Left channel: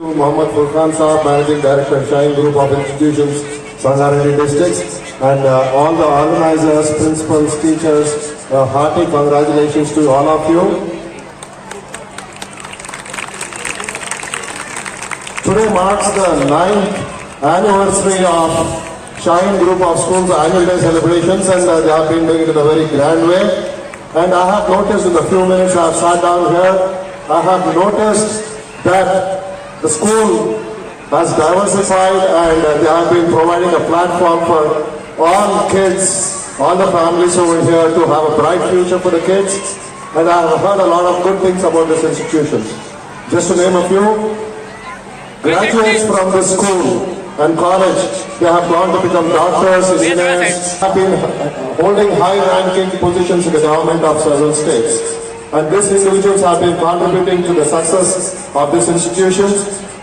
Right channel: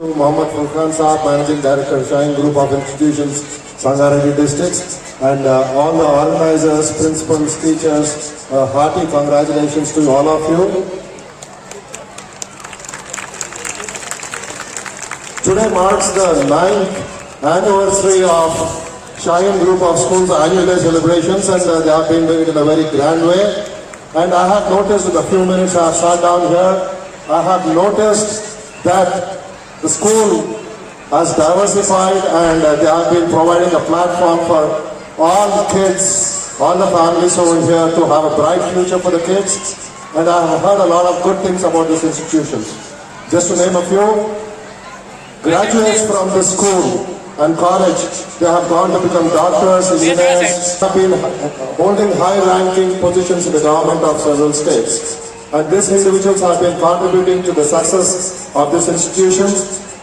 Mohammad Furqan Saab, Managing Director, Shine Group of Institutions, Sangareddy Districts, and all the organizers, principals, teachers, hearty congratulations to all of you. Today marks the 9th anniversary of Shine Group of Schools annual day celebrations, and they have been doing it in a very grand way. And I have noticed in the few minutes I have sat down here, I have noticed that the school has diversified and they have been providing a platform for all kids, all the families over here to have a bright future for the kids. And I have heard a lot of good things about this institution. Just to name a few, graduates from the school and college, they have gone to become doctors, engineers, have been holding high-ranking positions in the government of several states. And these individuals have been contributing to the success of this institution.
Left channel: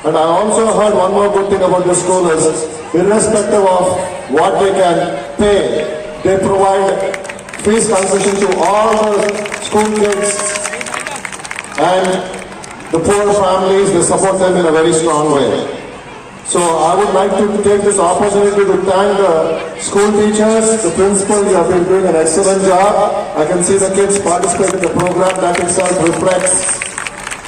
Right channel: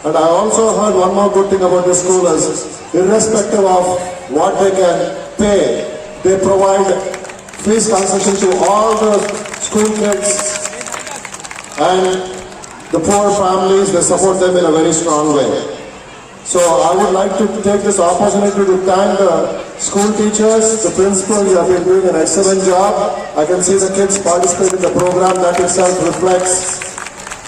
And I also heard one more good thing about the school is, irrespective of what they can pay, they provide fees concession to all the school kids and the poor families. They support them in a very strong way. So I would like to take this opportunity to thank the school teachers, the principals. You have been doing an excellent job. I can see the kids participate in the program. That itself reflects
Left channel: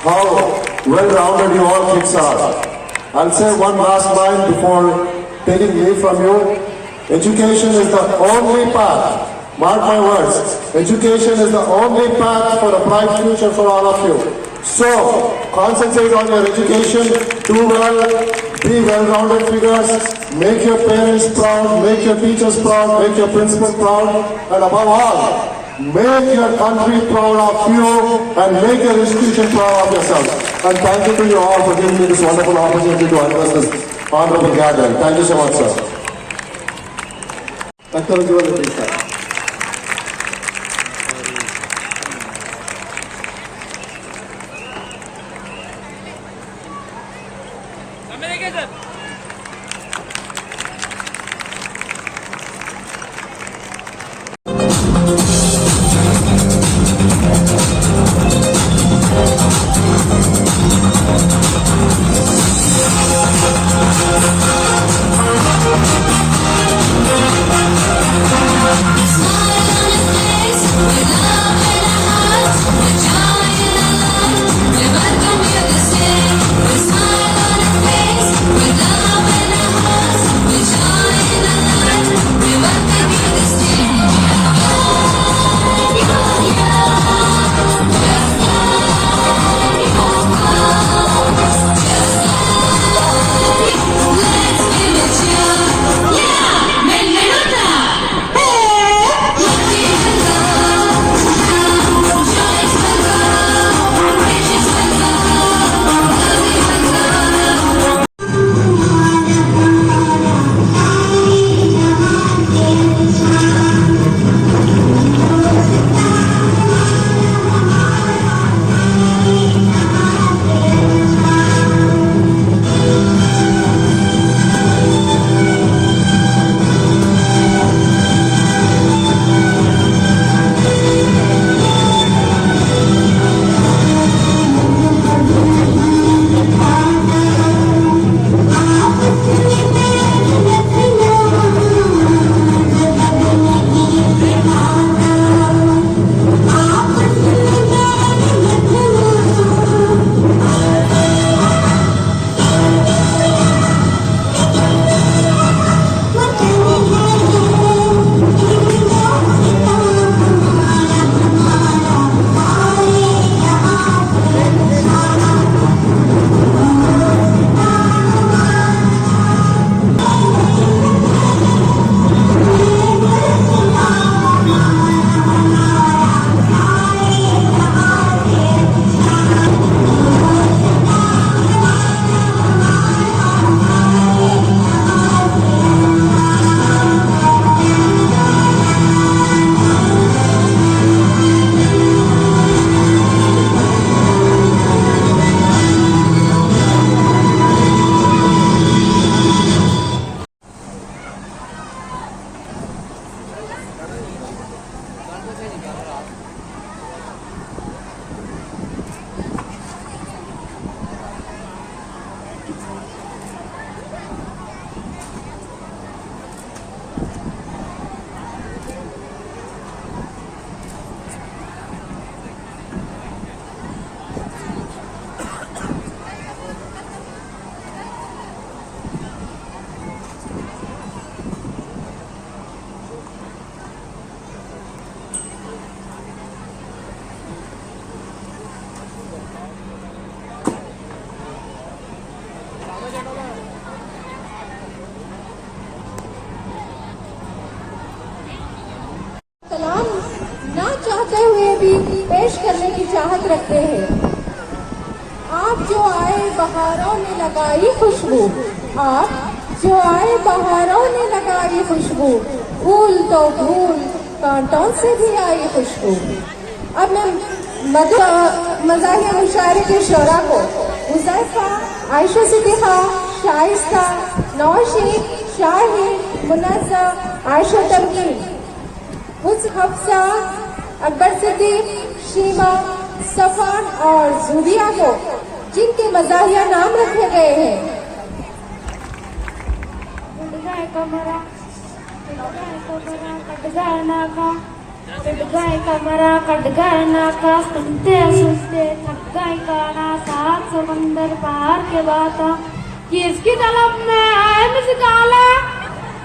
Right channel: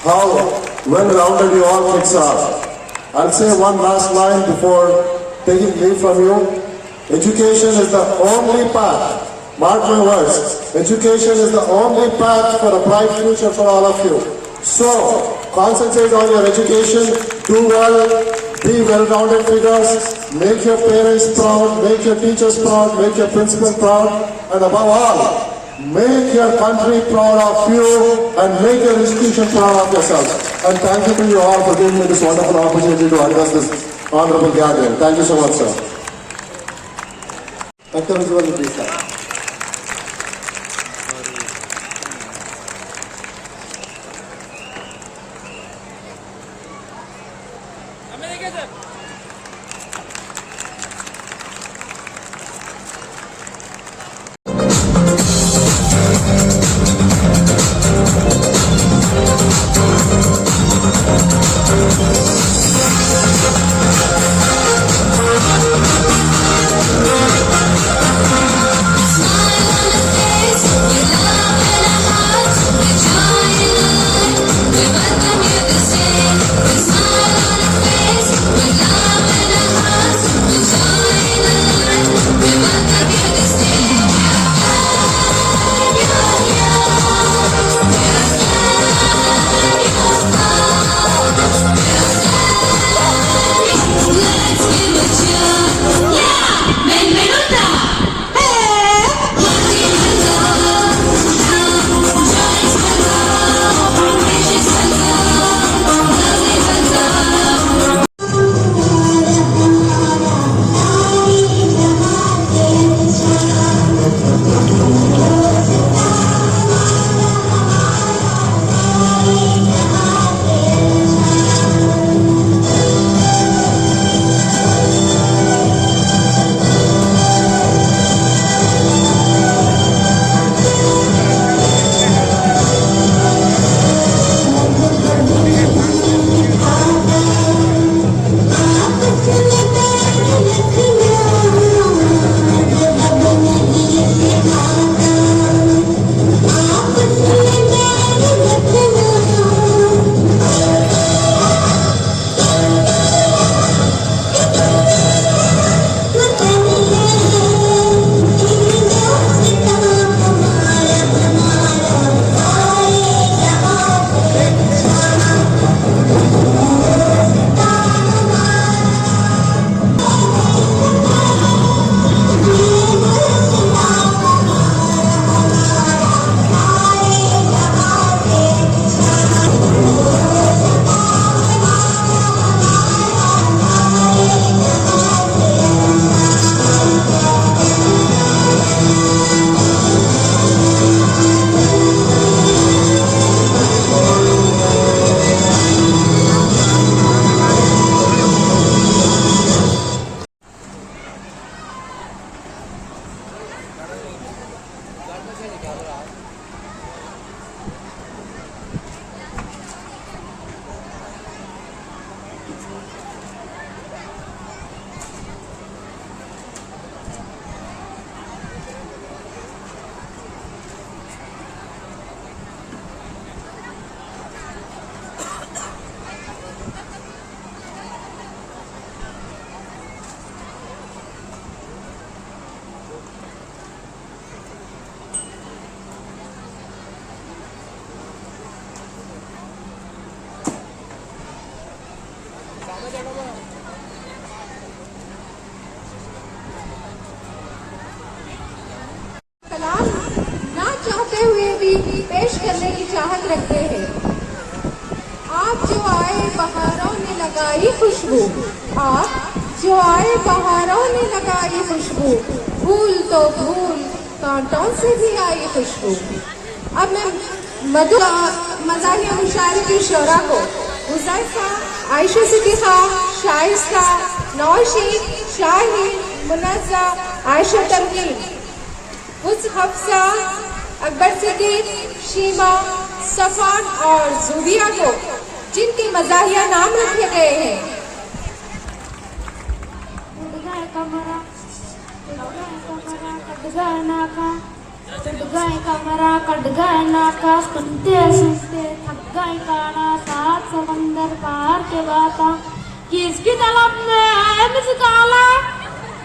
how well-rounded you all kids are. I'll say one last line before taking leave from you. Education is the only path. Mark my words. Education is the only path for a bright future for all of you. So, concentrate on your education, do well, be well-rounded figures, make your parents proud, make your teachers proud, make your principals proud, and above all, make your country proud of you and make your institution proud of yourself. And thank you to you all for giving me this wonderful opportunity to address this honorable gathering. Thank you so much, sir. Sir. होते हुए भी पेश करने की चाहत रखते हैं। आप जो आए बहारों ने लगाई खुशबू, आप जो आए बहारों ने लगाई खुशबू, फूल तो फूल कांटों से भी आई खुशबू। अब मैं मज़ाहिया मुशायरे के शोरा को हुज़ैफा, आयशा सिद्दीक़ा, शाइस्ता, नौशीन, शाहिद, मुनज़्ज़ा, आयशा तमकीन, हफ्सा, अकबर सिद्दीक, शीमा, सफान और ज़ूबिया को जिनके मज़ाहिया नाम रखे गए हैं। सुनते सुनते थक गए काना, सात समंदर पार के बाता कि इसकी तलब में है मुस्काला,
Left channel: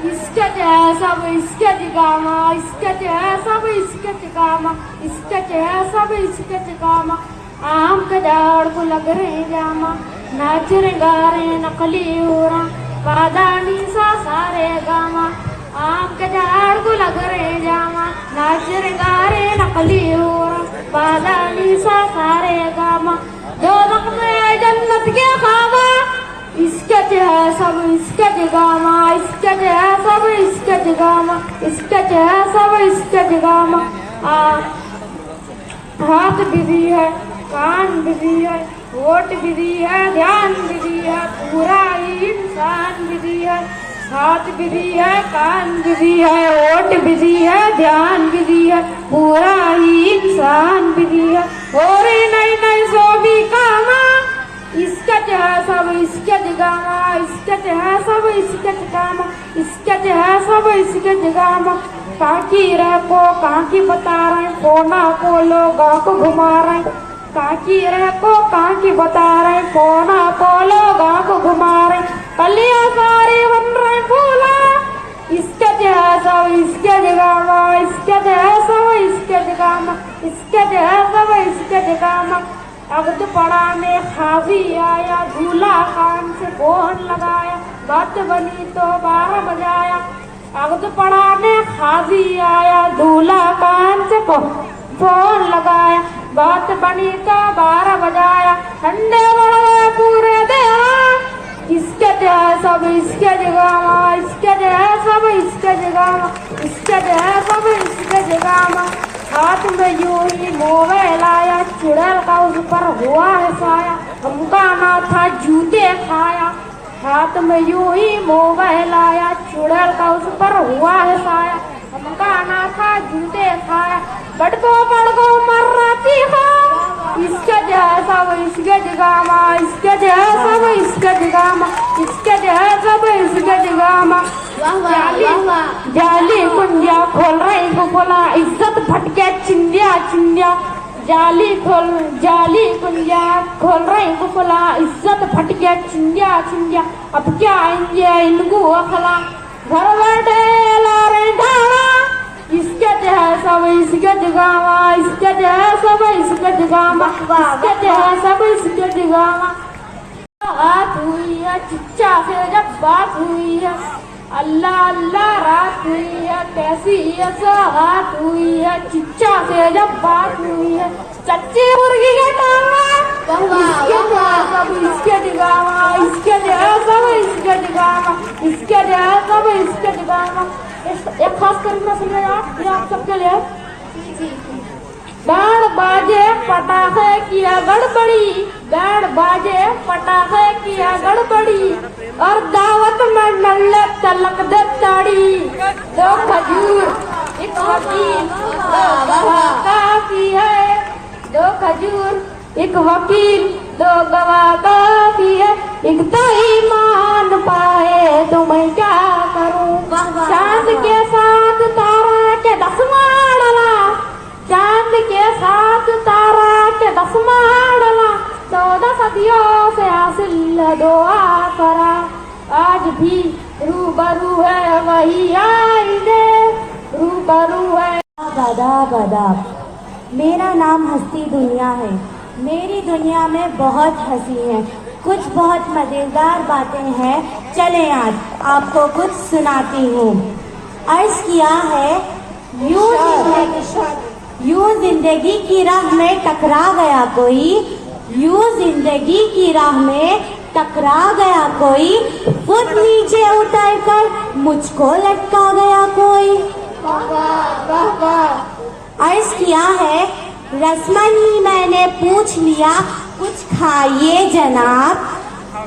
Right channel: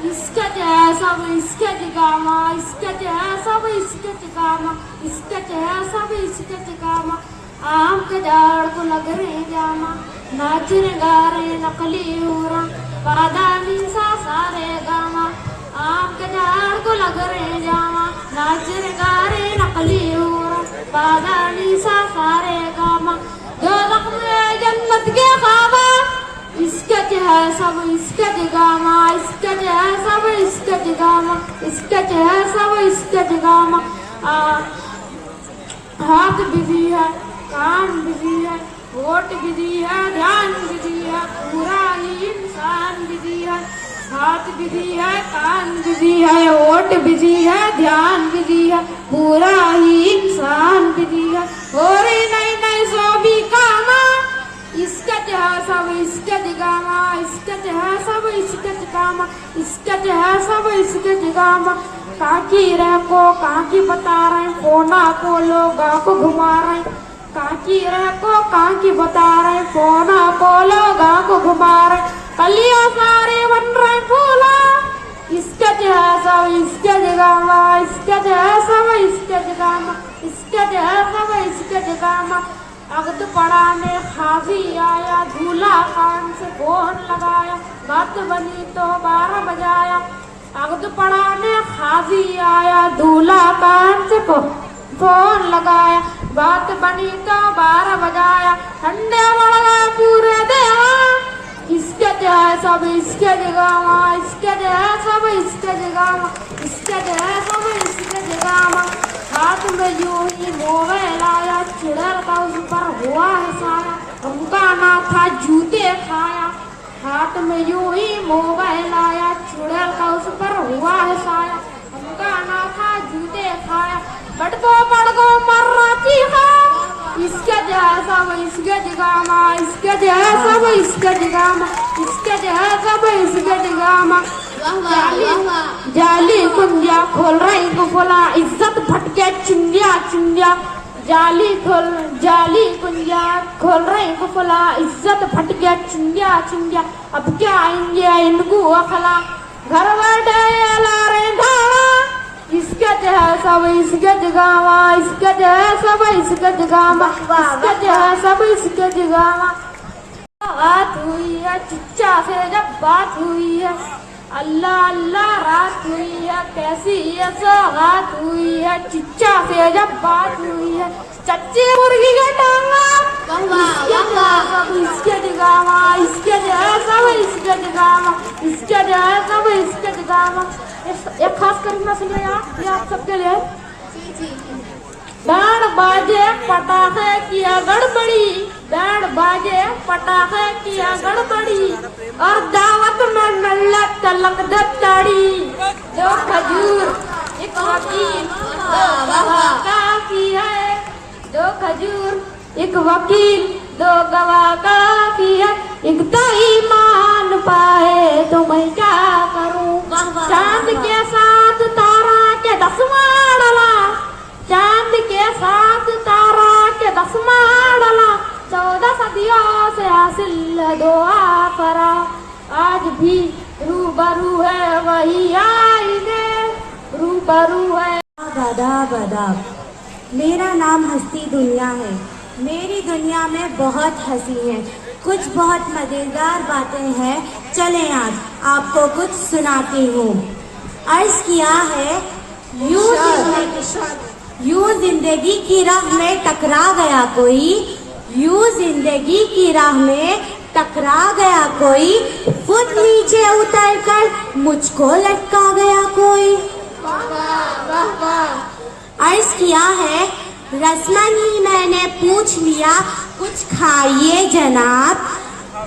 इसके जैसा वो इसके जगामा, इसके जैसा वो इसके जगामा, इसके जैसा वो इसके जगामा। आम के झाड़ को लग रहे जामा, नाच रहे गा रहे नकली उरा, पादानी सा सारे गामा। आम के झाड़ को लग रहे जामा, नाच रहे गा रहे नकली उरा, पादानी सा सारे गामा। जो में जन्नत के खाबा, इसके जैसा वो इसके जगामा, इसके जैसा वो इसके जगामा, इसके जैसा वो इसके जगामा। हाथ बिजी है, कान बिजी है, होठ बिजी है, ध्यान बिजी है, पूरा ही इंसान बिजी है। हाथ बिजी है, कान बिजी है, होठ बिजी है, ध्यान बिजी है, पूरा ही इंसान बिजी है। और नई नई सोबी कामा, इसका जैसा वो इसका जगामा, इसका जैसा वो इसका जगामा, इसका जैसा वो इसका जगामा। काकी रह को काकी बता रहे, कोना को लोगों को घुमा रहे, काकी रह को काकी बता रहे, कोना को लोगों को घुमा रहे। कलियां सारे बन रहे फूला, इसका जैसा वो इसका जगामा, इसका जैसा वो इसका जगामा, इसका जैसा वो इसका जगामा। अगद पढ़ाने खाजी आया, दूल्हा कान से फोन लगाया, बात बनी तो 12 बजाया। अगद पढ़ाने खाजी आया, दूल्हा कान से फोन लगाया, बात बनी तो 12 बजाया। ठंडे बढ़ गए पूरे देवा, इसके जैसा भी इसके जगामा, इसके जैसा भी इसके जगामा, इसके जैसा भी इसके जगामा। हाथ में यूं ही मोबाइल आया, चुड़ैल का उस पर हुआ है साया, हमका ना था जूते खाया। हाथ में यूं ही मोबाइल आया, चुड़ैल का उस पर हुआ है साया, हमका ना था जूते खाया। बड़को मर राती खा, इसके जैसा वो इसके जगामा, इसके जैसा वो इसके जगामा, इसके जैसा वो इसके जगामा। जाली कुंजिया खोल रही गुफला, इज्जत भटके चिंदिया चिंदिया। जाली कुंजिया खोल रही गुफला, इज्जत भटके चिंदिया चिंदिया। अब क्या आएंगे इनको अखला, घर बैठे ला रहे ढाला, इसके जैसा वो इसके जगामा, इसके जैसा वो इसके जगामा, इसके जैसा वो इसके जगामा। बात हुई है चिच्चा से जब बात हुई है, अल्लाह अल्लाह रात हुई है, कैसी है सौगात हुई है, चिच्चा से जब बात हुई है। चच्ची मुर्गी का टांगा, इसके जैसा वो इसके जगामा, इसके जैसा वो इसके जगामा, इसके जैसा वो इसके जगामा। एक खास करीना सुनिए यार, ये आप सबके लिए। बैंड बाजे पटाखे किया गड़बड़ी, बैंड बाजे पटाखे किया गड़बड़ी, और दावत में नल्ला तलक दे ताड़ी। 2 खजूर 1 वकील, 2 गवाह काफी है, 2 खजूर 1 वकील, 2 गवाह काफी है। एक तो ईमान पाए तो मैं क्या करूं, चांद के साथ तारा के 10 डाला, चांद के साथ तारा के 10 डाला। 14 सदियों से हासिल दुआ करा, आज भी रूबरू है वही आईने, रूबरू है। आदाब आदाब, मेरा नाम हस्ती दुनिया है। मेरी दुनिया में बहुत हंसी है, कुछ बहुत मजेदार बातें हैं। चलें आज आपको कुछ सुनाती हूँ। अर्ज किया है यूं यूं जिंदगी की राह में टकरा गया कोई, यूं जिंदगी की राह में टकरा गया कोई, खुद नीचे उतर कर मुझको लटका गया कोई। अर्ज किया है, रस्मन ही मैंने पूछ लिया कुछ खाइए जनाब,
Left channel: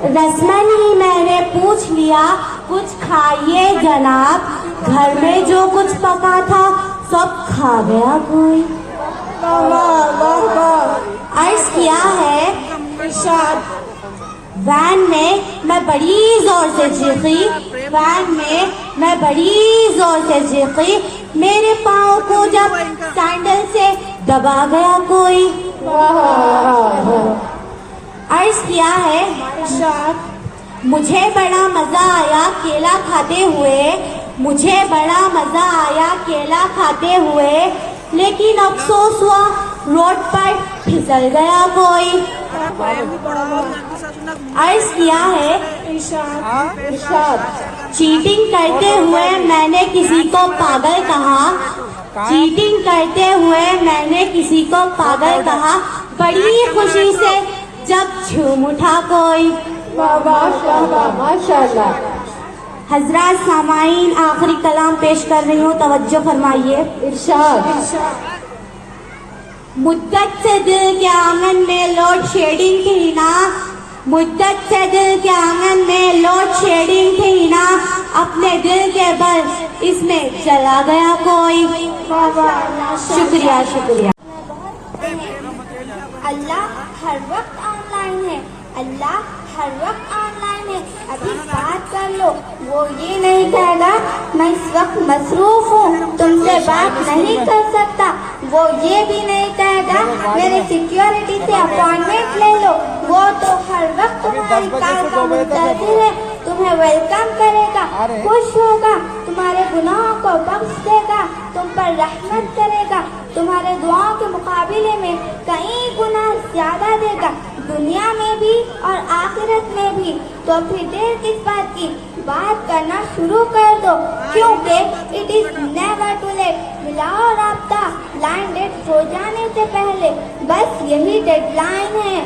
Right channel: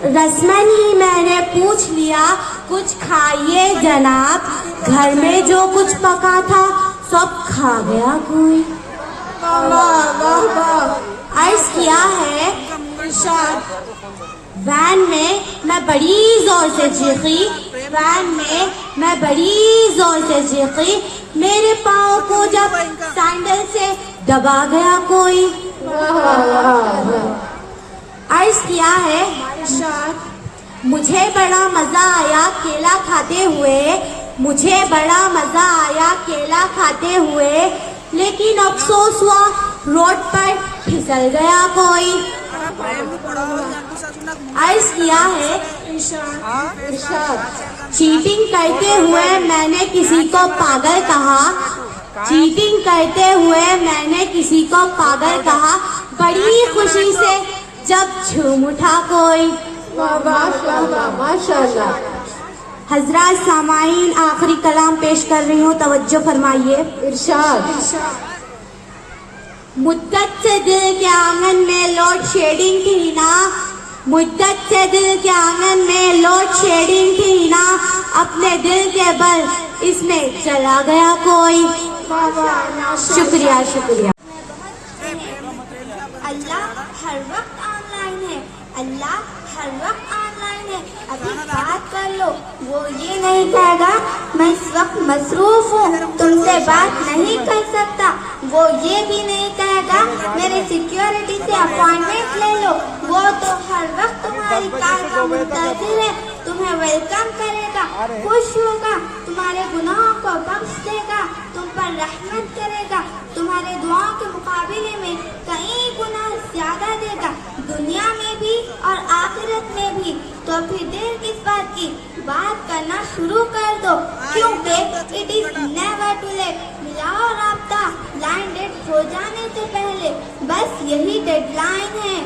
रस्मन ही मैंने पूछ लिया कुछ खाइए जनाब, घर में जो कुछ पका था सब खा गया कोई। अर्ज किया है, इरशाद, वैन में मैं बड़ी जोर से चीखी, वैन में मैं बड़ी जोर से चीखी, मेरे पाँव को जब सैंडल से दबा गया कोई। अर्ज किया है, मुझे बड़ा मजा आया केला खाते हुए, मुझे बड़ा मजा आया केला खाते हुए, लेकिन अफसोस हुआ रोड पर फिसल गया कोई। अर्ज किया है, इरशाद, चीटिंग करते हुए मैंने किसी को पागल कहा, चीटिंग करते हुए मैंने किसी को पागल कहा, बड़ी खुशी से जब झूम उठा कोई। माशाल्लाह। हजरात सामाईन, आखिरी कलाम पेश कर रही हूँ, तवज्जो फरमाइए। इरशाद। मुद्दत से दिल के आंगन में लोड शेडिंग थी ना, मुद्दत से दिल के आंगन में लोड शेडिंग थी ना, अपने दिल के बल इसमें चला गया कोई। शुक्रिया शुक्रिया। अल्लाह हर वक्त ऑनलाइन है, अल्लाह हर वक्त ऑनलाइन है, अभी बात कर लो। वो ये नहीं कहेगा मैं इस वक्त मसरूफ हूँ, तुमसे बात नहीं कर सकता। वो ये भी नहीं कहेगा मेरे सिक्योरिटी से अपॉइंटमेंट ले लो। वो तो हर वक्त तुम्हारी कार का मुंतज़िर है, तुम्हें वेलकम करेगा, खुश होगा, तुम्हारे गुनाहों को बख्श देगा, तुम पर रहमत करेगा, तुम्हारे दुआओं के मुकाबले में कई गुना ज्यादा देगा, दुनिया में भी और आखिरत में भी। तो फिर देर किस बात की, बात करना शुरू कर दो, क्योंकि it is never too late. मिलाओ राब्ता लाइन डेट हो जाने से पहले, बस यही डेडलाइन है।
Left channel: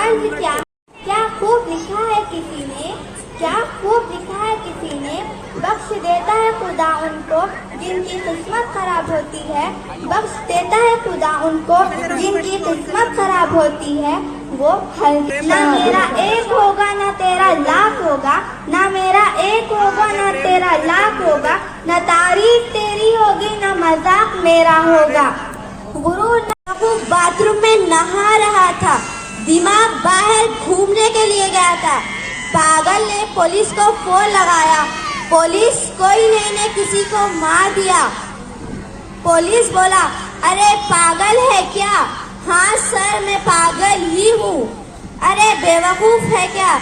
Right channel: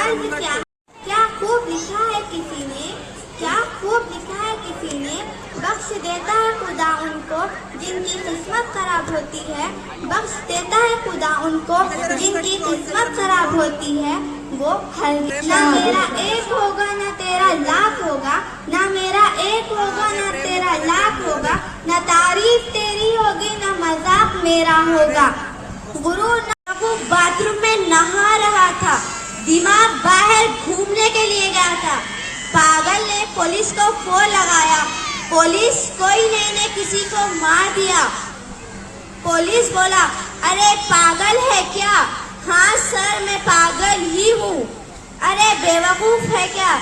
अर्ज क्या खूब लिखा है किसी ने, क्या खूब लिखा है किसी ने, बख्श देता है खुदा उनको जिनकी किस्मत खराब होती है, बख्श देता है खुदा उनको जिनकी किस्मत खराब होती है। वो हर ना मेरा एक होगा ना तेरा लाख होगा, ना मेरा एक होगा ना तेरा लाख होगा, न तारीफ तेरी होगी ना मजाक मेरा होगा। गुरु वो बाथरूम में नहा रहा था, दिमाग बाहर घूमने के लिए गया था, पागल ने पुलिस को फोन लगाया, पुलिस कोई ने किसी को मार दिया। पुलिस बोला, अरे पागल है क्या? हाँ सर मैं पागल ही हूँ। अरे बेवकूफ है क्या?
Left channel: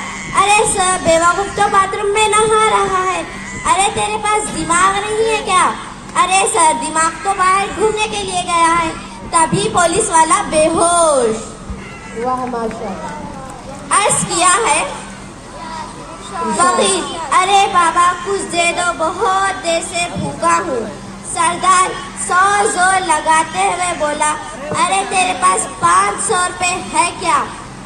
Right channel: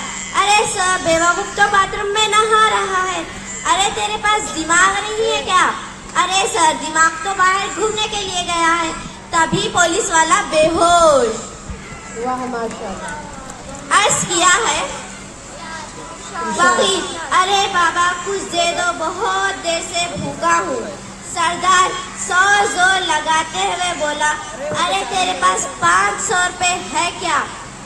अरे सर बेवकूफ तो बाथरूम में नहा रहा है। अरे तेरे पास दिमाग नहीं है क्या? अरे सर दिमाग तो बाहर घूमने के लिए गया है। तभी पुलिस वाला बेहोश। वाह माशाल्लाह। अर्ज किया है, फकीर, अरे बाबा कुछ दे दो, बहुत देर से भूखा हूँ। सरदार 100 जोर लगाते हुए बोला, अरे तेरे पास 500 रुपए है क्या?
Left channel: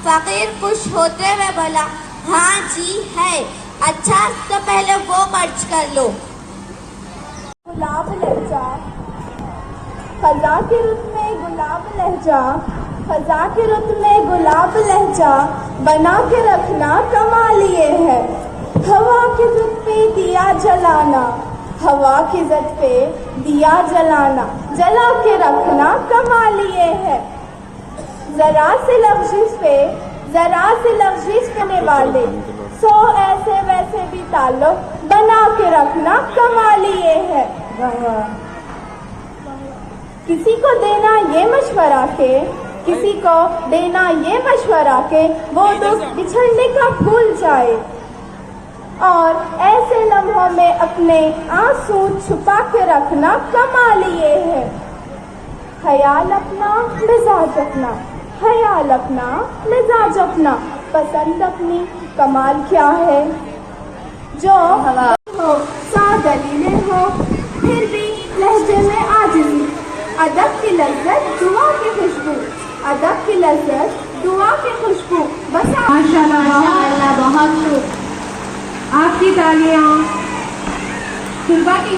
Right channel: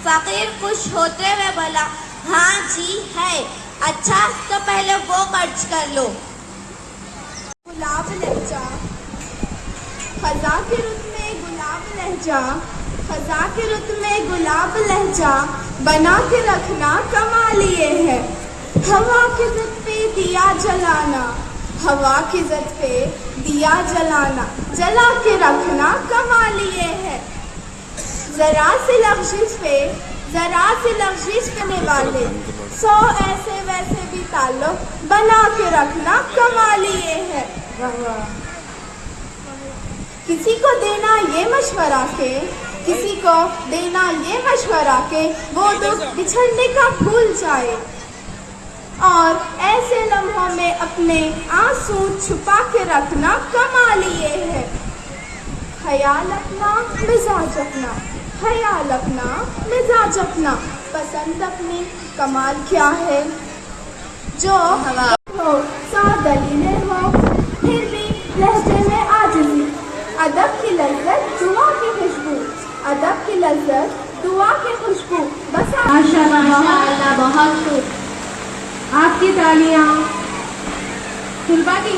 फकीर खुश होते हुए बोला, हाँ जी है। अच्छा तो पहले वो खर्च कर लो। गुलाब लहजा, खजा के रुत में गुलाब लहजा, खजा के रुत में गुलाब लहजा, बना के रखना कमाल ये है। हवा की ज़द पे दिया जलाना, हवा की ज़द पे दिया जलाना, जला के रखना कमाल ये है। जरा सी लफ्ज़िश पे, जरा सी लफ्ज़िश करने वाले 100 ऐसे वैसे भी ताल्लुक बना के रखना कमाल ये है। किसी को देना ये मशवरा के, किसी को देना ये मशवरा के वो दुख बिछड़ने का भूल जाए, और ऐसे लम्हों में अपने आंसू छुपा के रखना कमाल ये है। ख्याल अपना मिजाज अपना, ख्याल अपना मिजाज अपना, पसंद अपनी कमाल क्या है। जो हो सादली में हो फिर भी लहजे में आजिज़ी, अदब की लज्जत दुआ की खुशबू, अदब की लज्जत दुआ की खुशबू। बस माशाल्लाह बहुत खूब। आपकी तालियां तुलबा की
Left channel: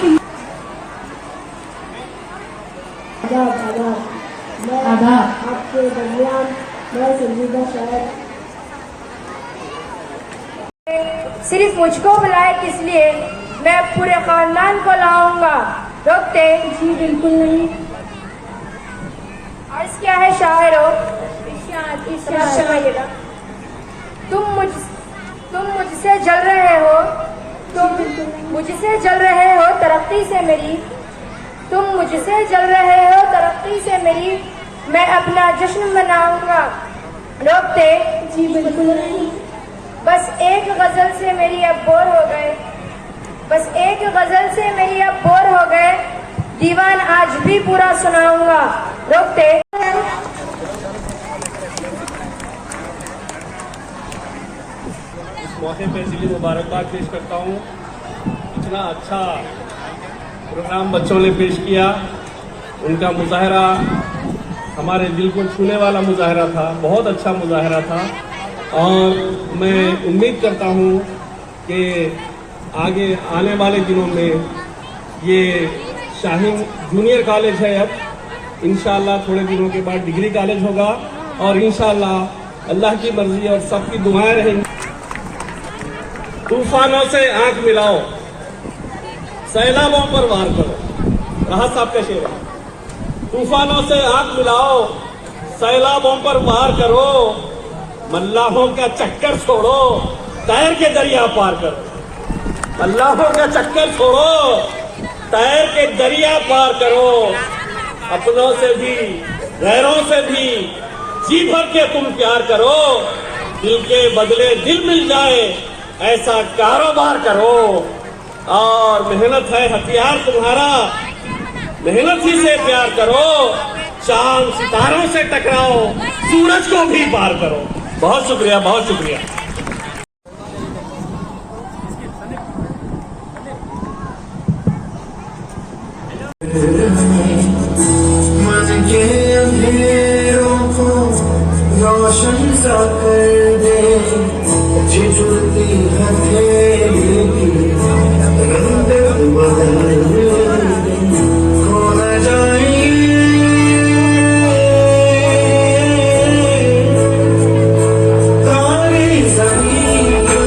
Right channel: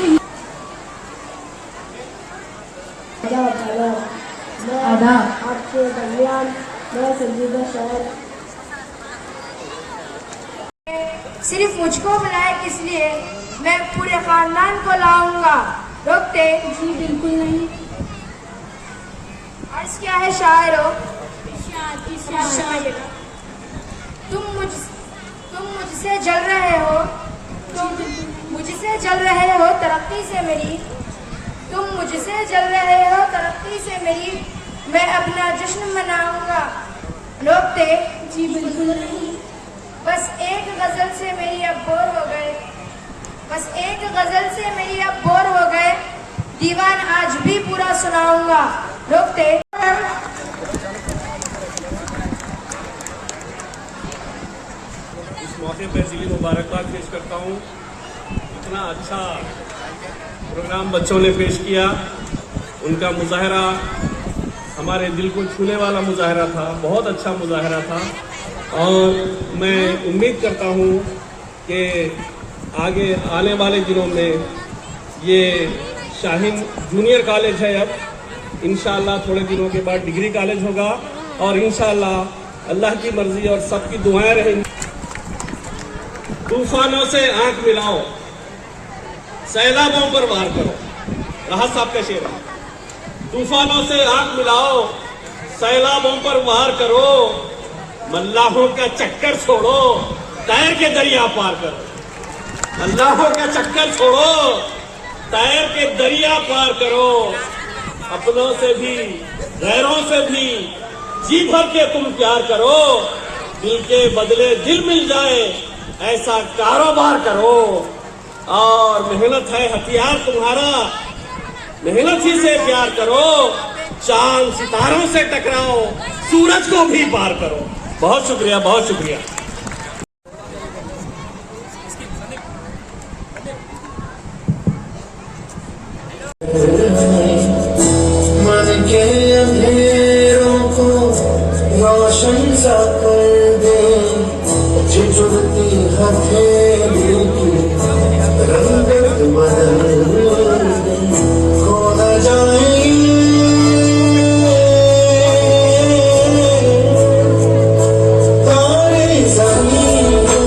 आदाब। आपके दरमियान मैं संजीदा शायर। सिर्फ मुझको बुलाए किस लिए, मैं पूरे खानदान को लाऊंगा। रोकते? जी बिल्कुल नहीं। अर्ज क्या है शायरो? इरशाद। तुम मुझसे जल रहे हो, तुम मुझसे जल रहे हो तरक्की से मेरी, तुम मुझसे जल रहे हो तरक्की से मेरी, मैं अपना जश्न मनाऊंगा। रोकते? जी बिल्कुल नहीं। बस एक गजल से मेरी अब बोर हो गए, बस एक गजल से मेरी अब बोर हो गए, दीवान आज भी पूरा सुनाऊंगा। रोकते? इस मौके पर दिली मुबारकबाद पेश करता हूँ। इतना अच्छा प्रोग्राम बच्चों ने पेश किया, उनका मुजाहरा हमारे दिल को छूने वाला मुजाहरा था, बहुत अच्छा मुजाहरा था। और मैं उम्मीद करता हूँ कि आगे आने वाले दिनों में ये शाहीन जूनियर कॉलेज है, अब इंशाअल्लाह थोड़े दिनों के बाद डिग्री कॉलेज होगा और इंशाअल्लाह अल्लाह की मर्जी और सबकी दुआएं रहेंगी। तूफानों से आंख मिलाओ, सैलाबों पर वार करो, राहत साहब का शेर है। तूफानों से आंख मिलाओ, सैलाबों पर वार करो, मल्लाहों का चक्कर छोड़ो, तैर के दरिया पार करो। अल्लाहों का चक्कर छोड़ो, तैर के दरिया पार करो। अपनों से भी गैरों से भी जी भर के तुम प्यार करो, दिल के बदले दिल मिल जाए ऐसा कारोबार करो। और मेहनत है हथियार तुम्हारा, मेहनत ही से प्यार करो, चांद सितारों से टकराओ, सूरज को भी पार करो। बहुत शुक्रिया, बहुत शुक्रिया। मन के अंधेरों को रोशन सा कर दे, झिझुरती हथेली की रंगत बदल दे, खो न जाए तारे ज़मीन पर।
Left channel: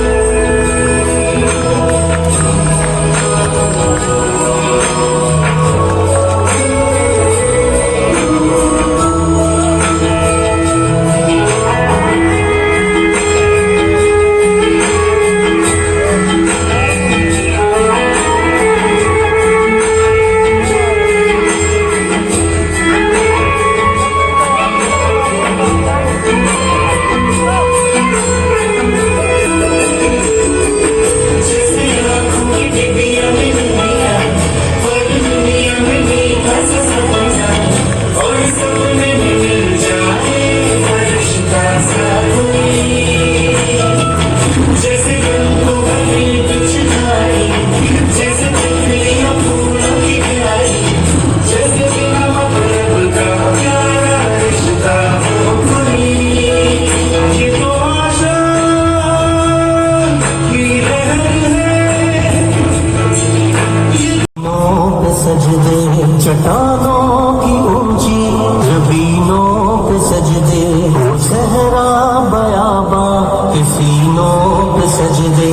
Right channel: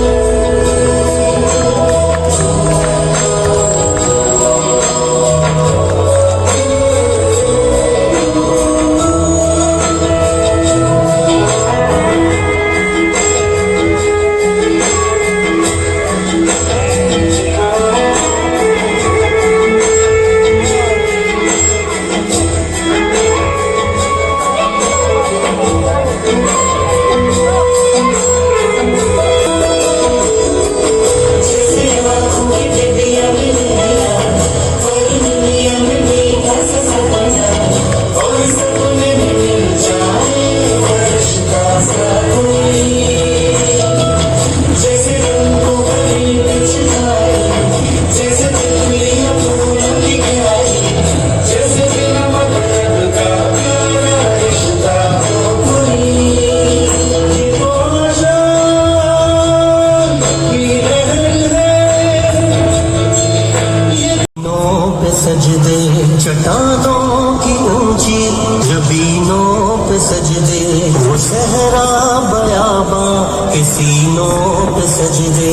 सजदे चट्टानों की ऊंची जबीनों पे सजदे, वो सहरा बयाबा के सीनों पे सजदे,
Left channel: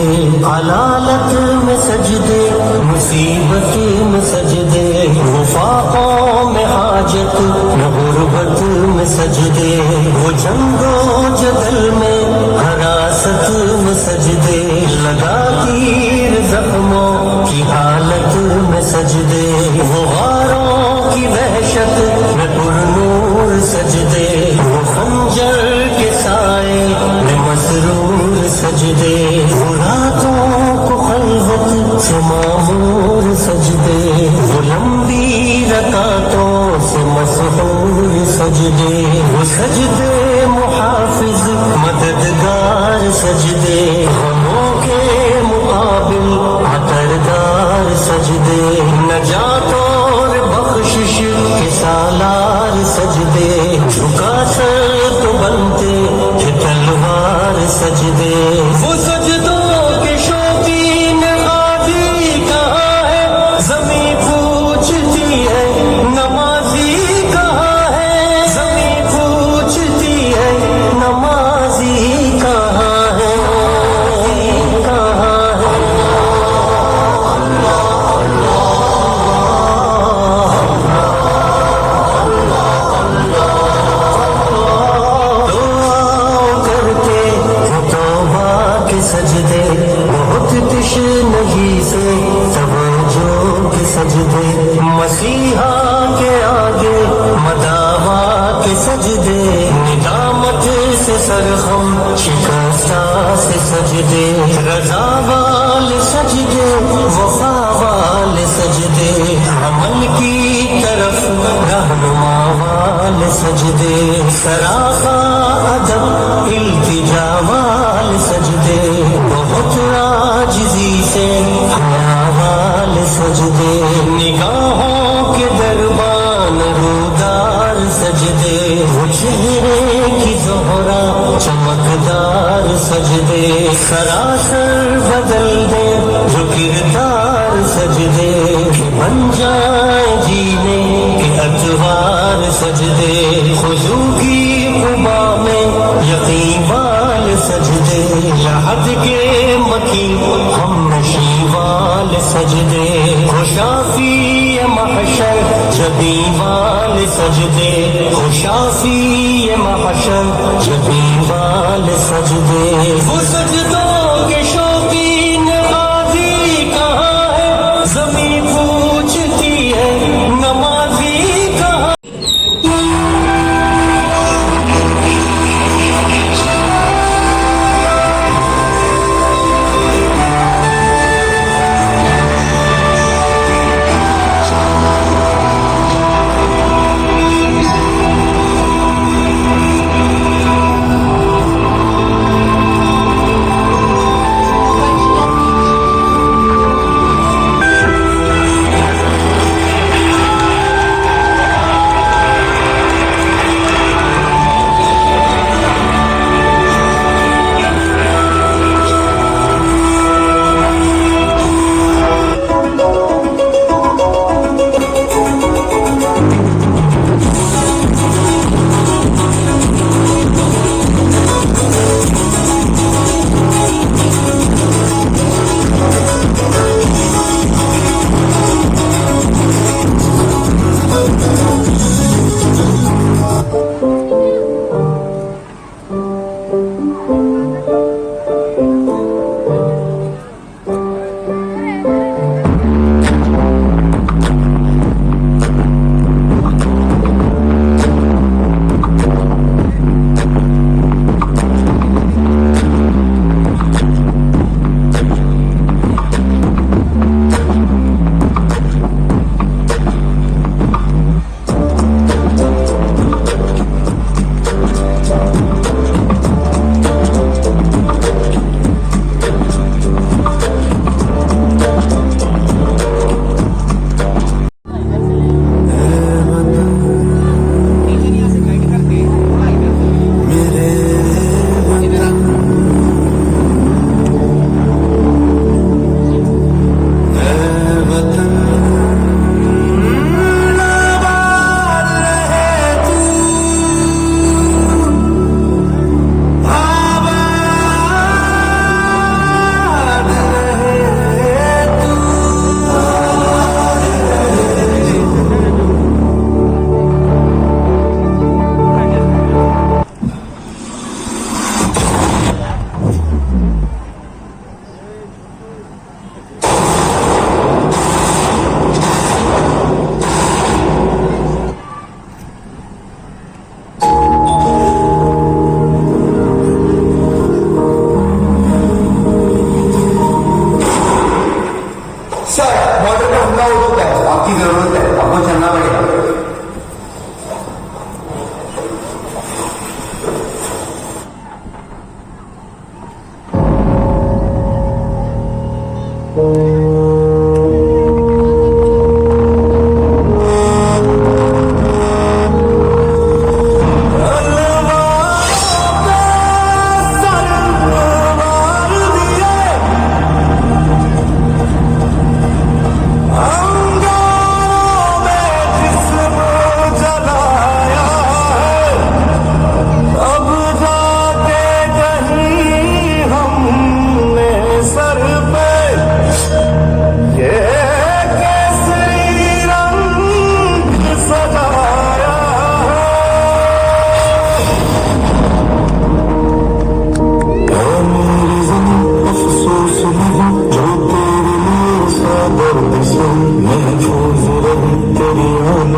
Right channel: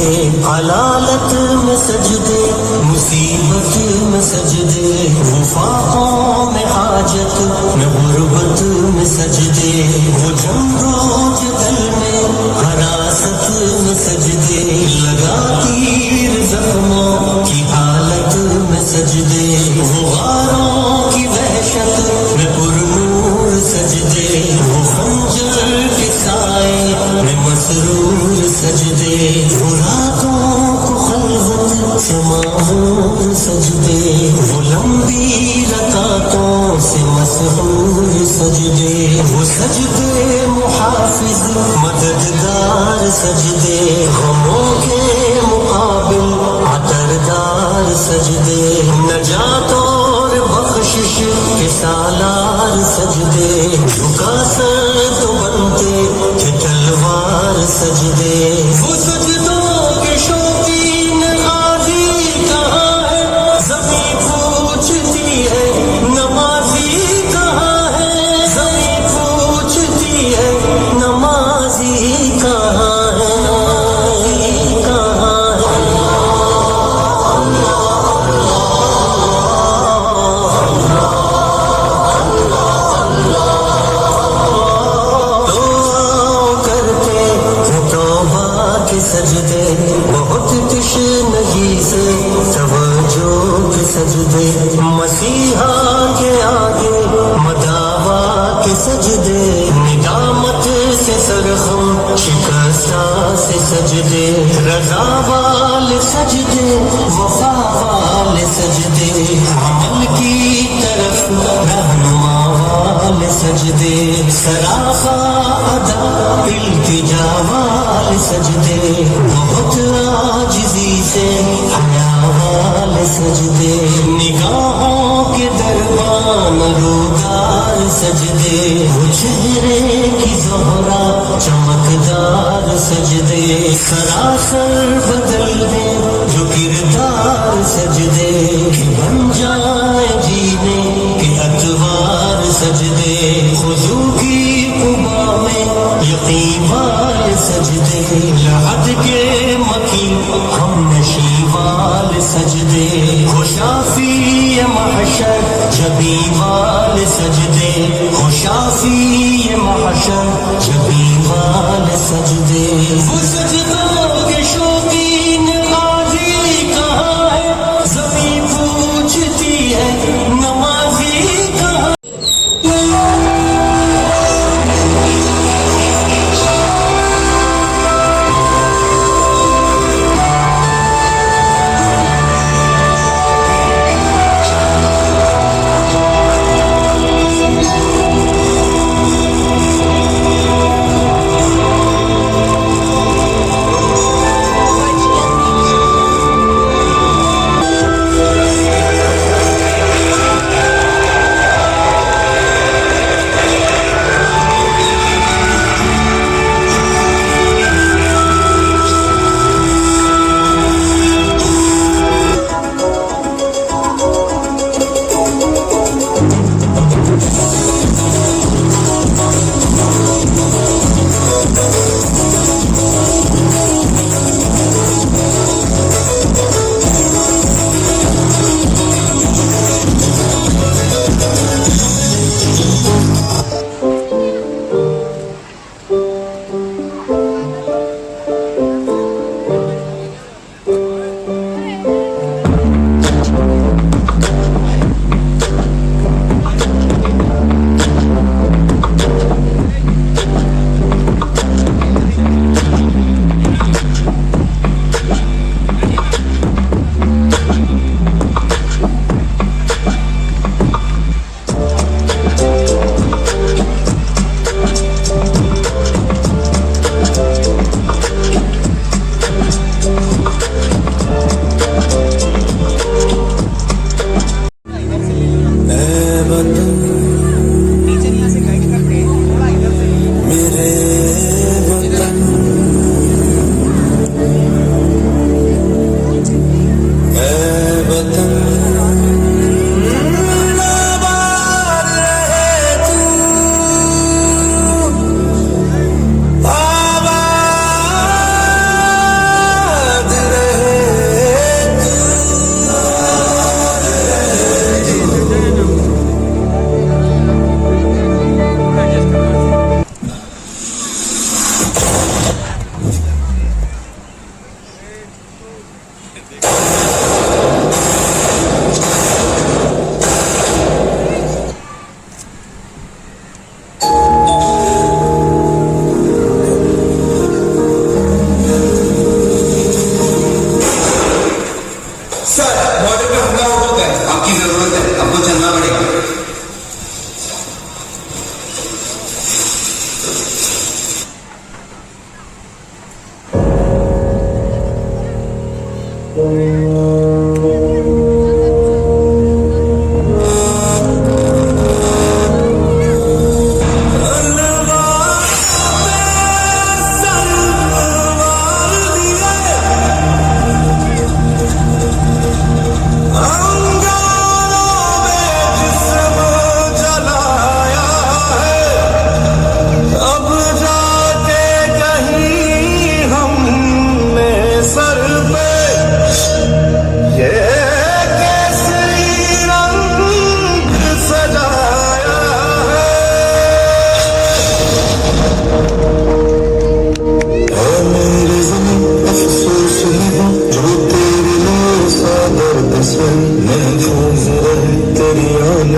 अलालत में सजदे, मुसीबत में सजदे, वफाकों में हाजत में गुर्बत में सजदे, वो जंगो जदल में हरासत में सजदे, लगा तीर जख्मों की हालत में सजदे, वो गारों की वहशत में पुरनूर सजदे, वो खंजर के साए में मसरूर सजदे, वो रातों को खलवत से मामूर सजदे, वो लंबी रकातों से मसरूर सजदे, वो सजदे मुहाफिज मददगार सजदे, गमों के मुकाबिल परदार सजदे, नजात और बख्शिश के साला सजदे झुका सर तो बनते थे तलवार सजदे वो सजदों के शौकीन आदि कहाँ है ज़मीं पूछती है नमाजी कहाँ है ज़मीं पूछती है नमाजी कहाँ है कहाँ है करके वो तौबा के सजदे बहुत तशनगी से तवज्जो के सजदे मसीहा के आगे मदावा के सजदे निदामत से सरखम शिकस्ता से सजदे रजा वाले सजदे वफा वाले सजदे अमल की तरफ रहनुमा वाले सजदे सराफा अदब इल्तिजा वाले सजदे बहुत आजिज़ी से हया वाले सजदे निगाहों के दरबान रूदार सजदे वो चेहरे की ज़ोहरा चमकदार सजदे सरासर बदल दे जो किरदार सजदे बन जाए जीने के अतवार सजदे खुशू की कुबा में यकीन वाले सजदे लहद के मकी हम नशी वाले सजदे खुशाफी महशर जबी वाले सजदे खुशाफी महशर जबी वाले सजदे वो सजदों के शौकीन काजी कहाँ है ज़मीं पूछती है नमाजी कहाँ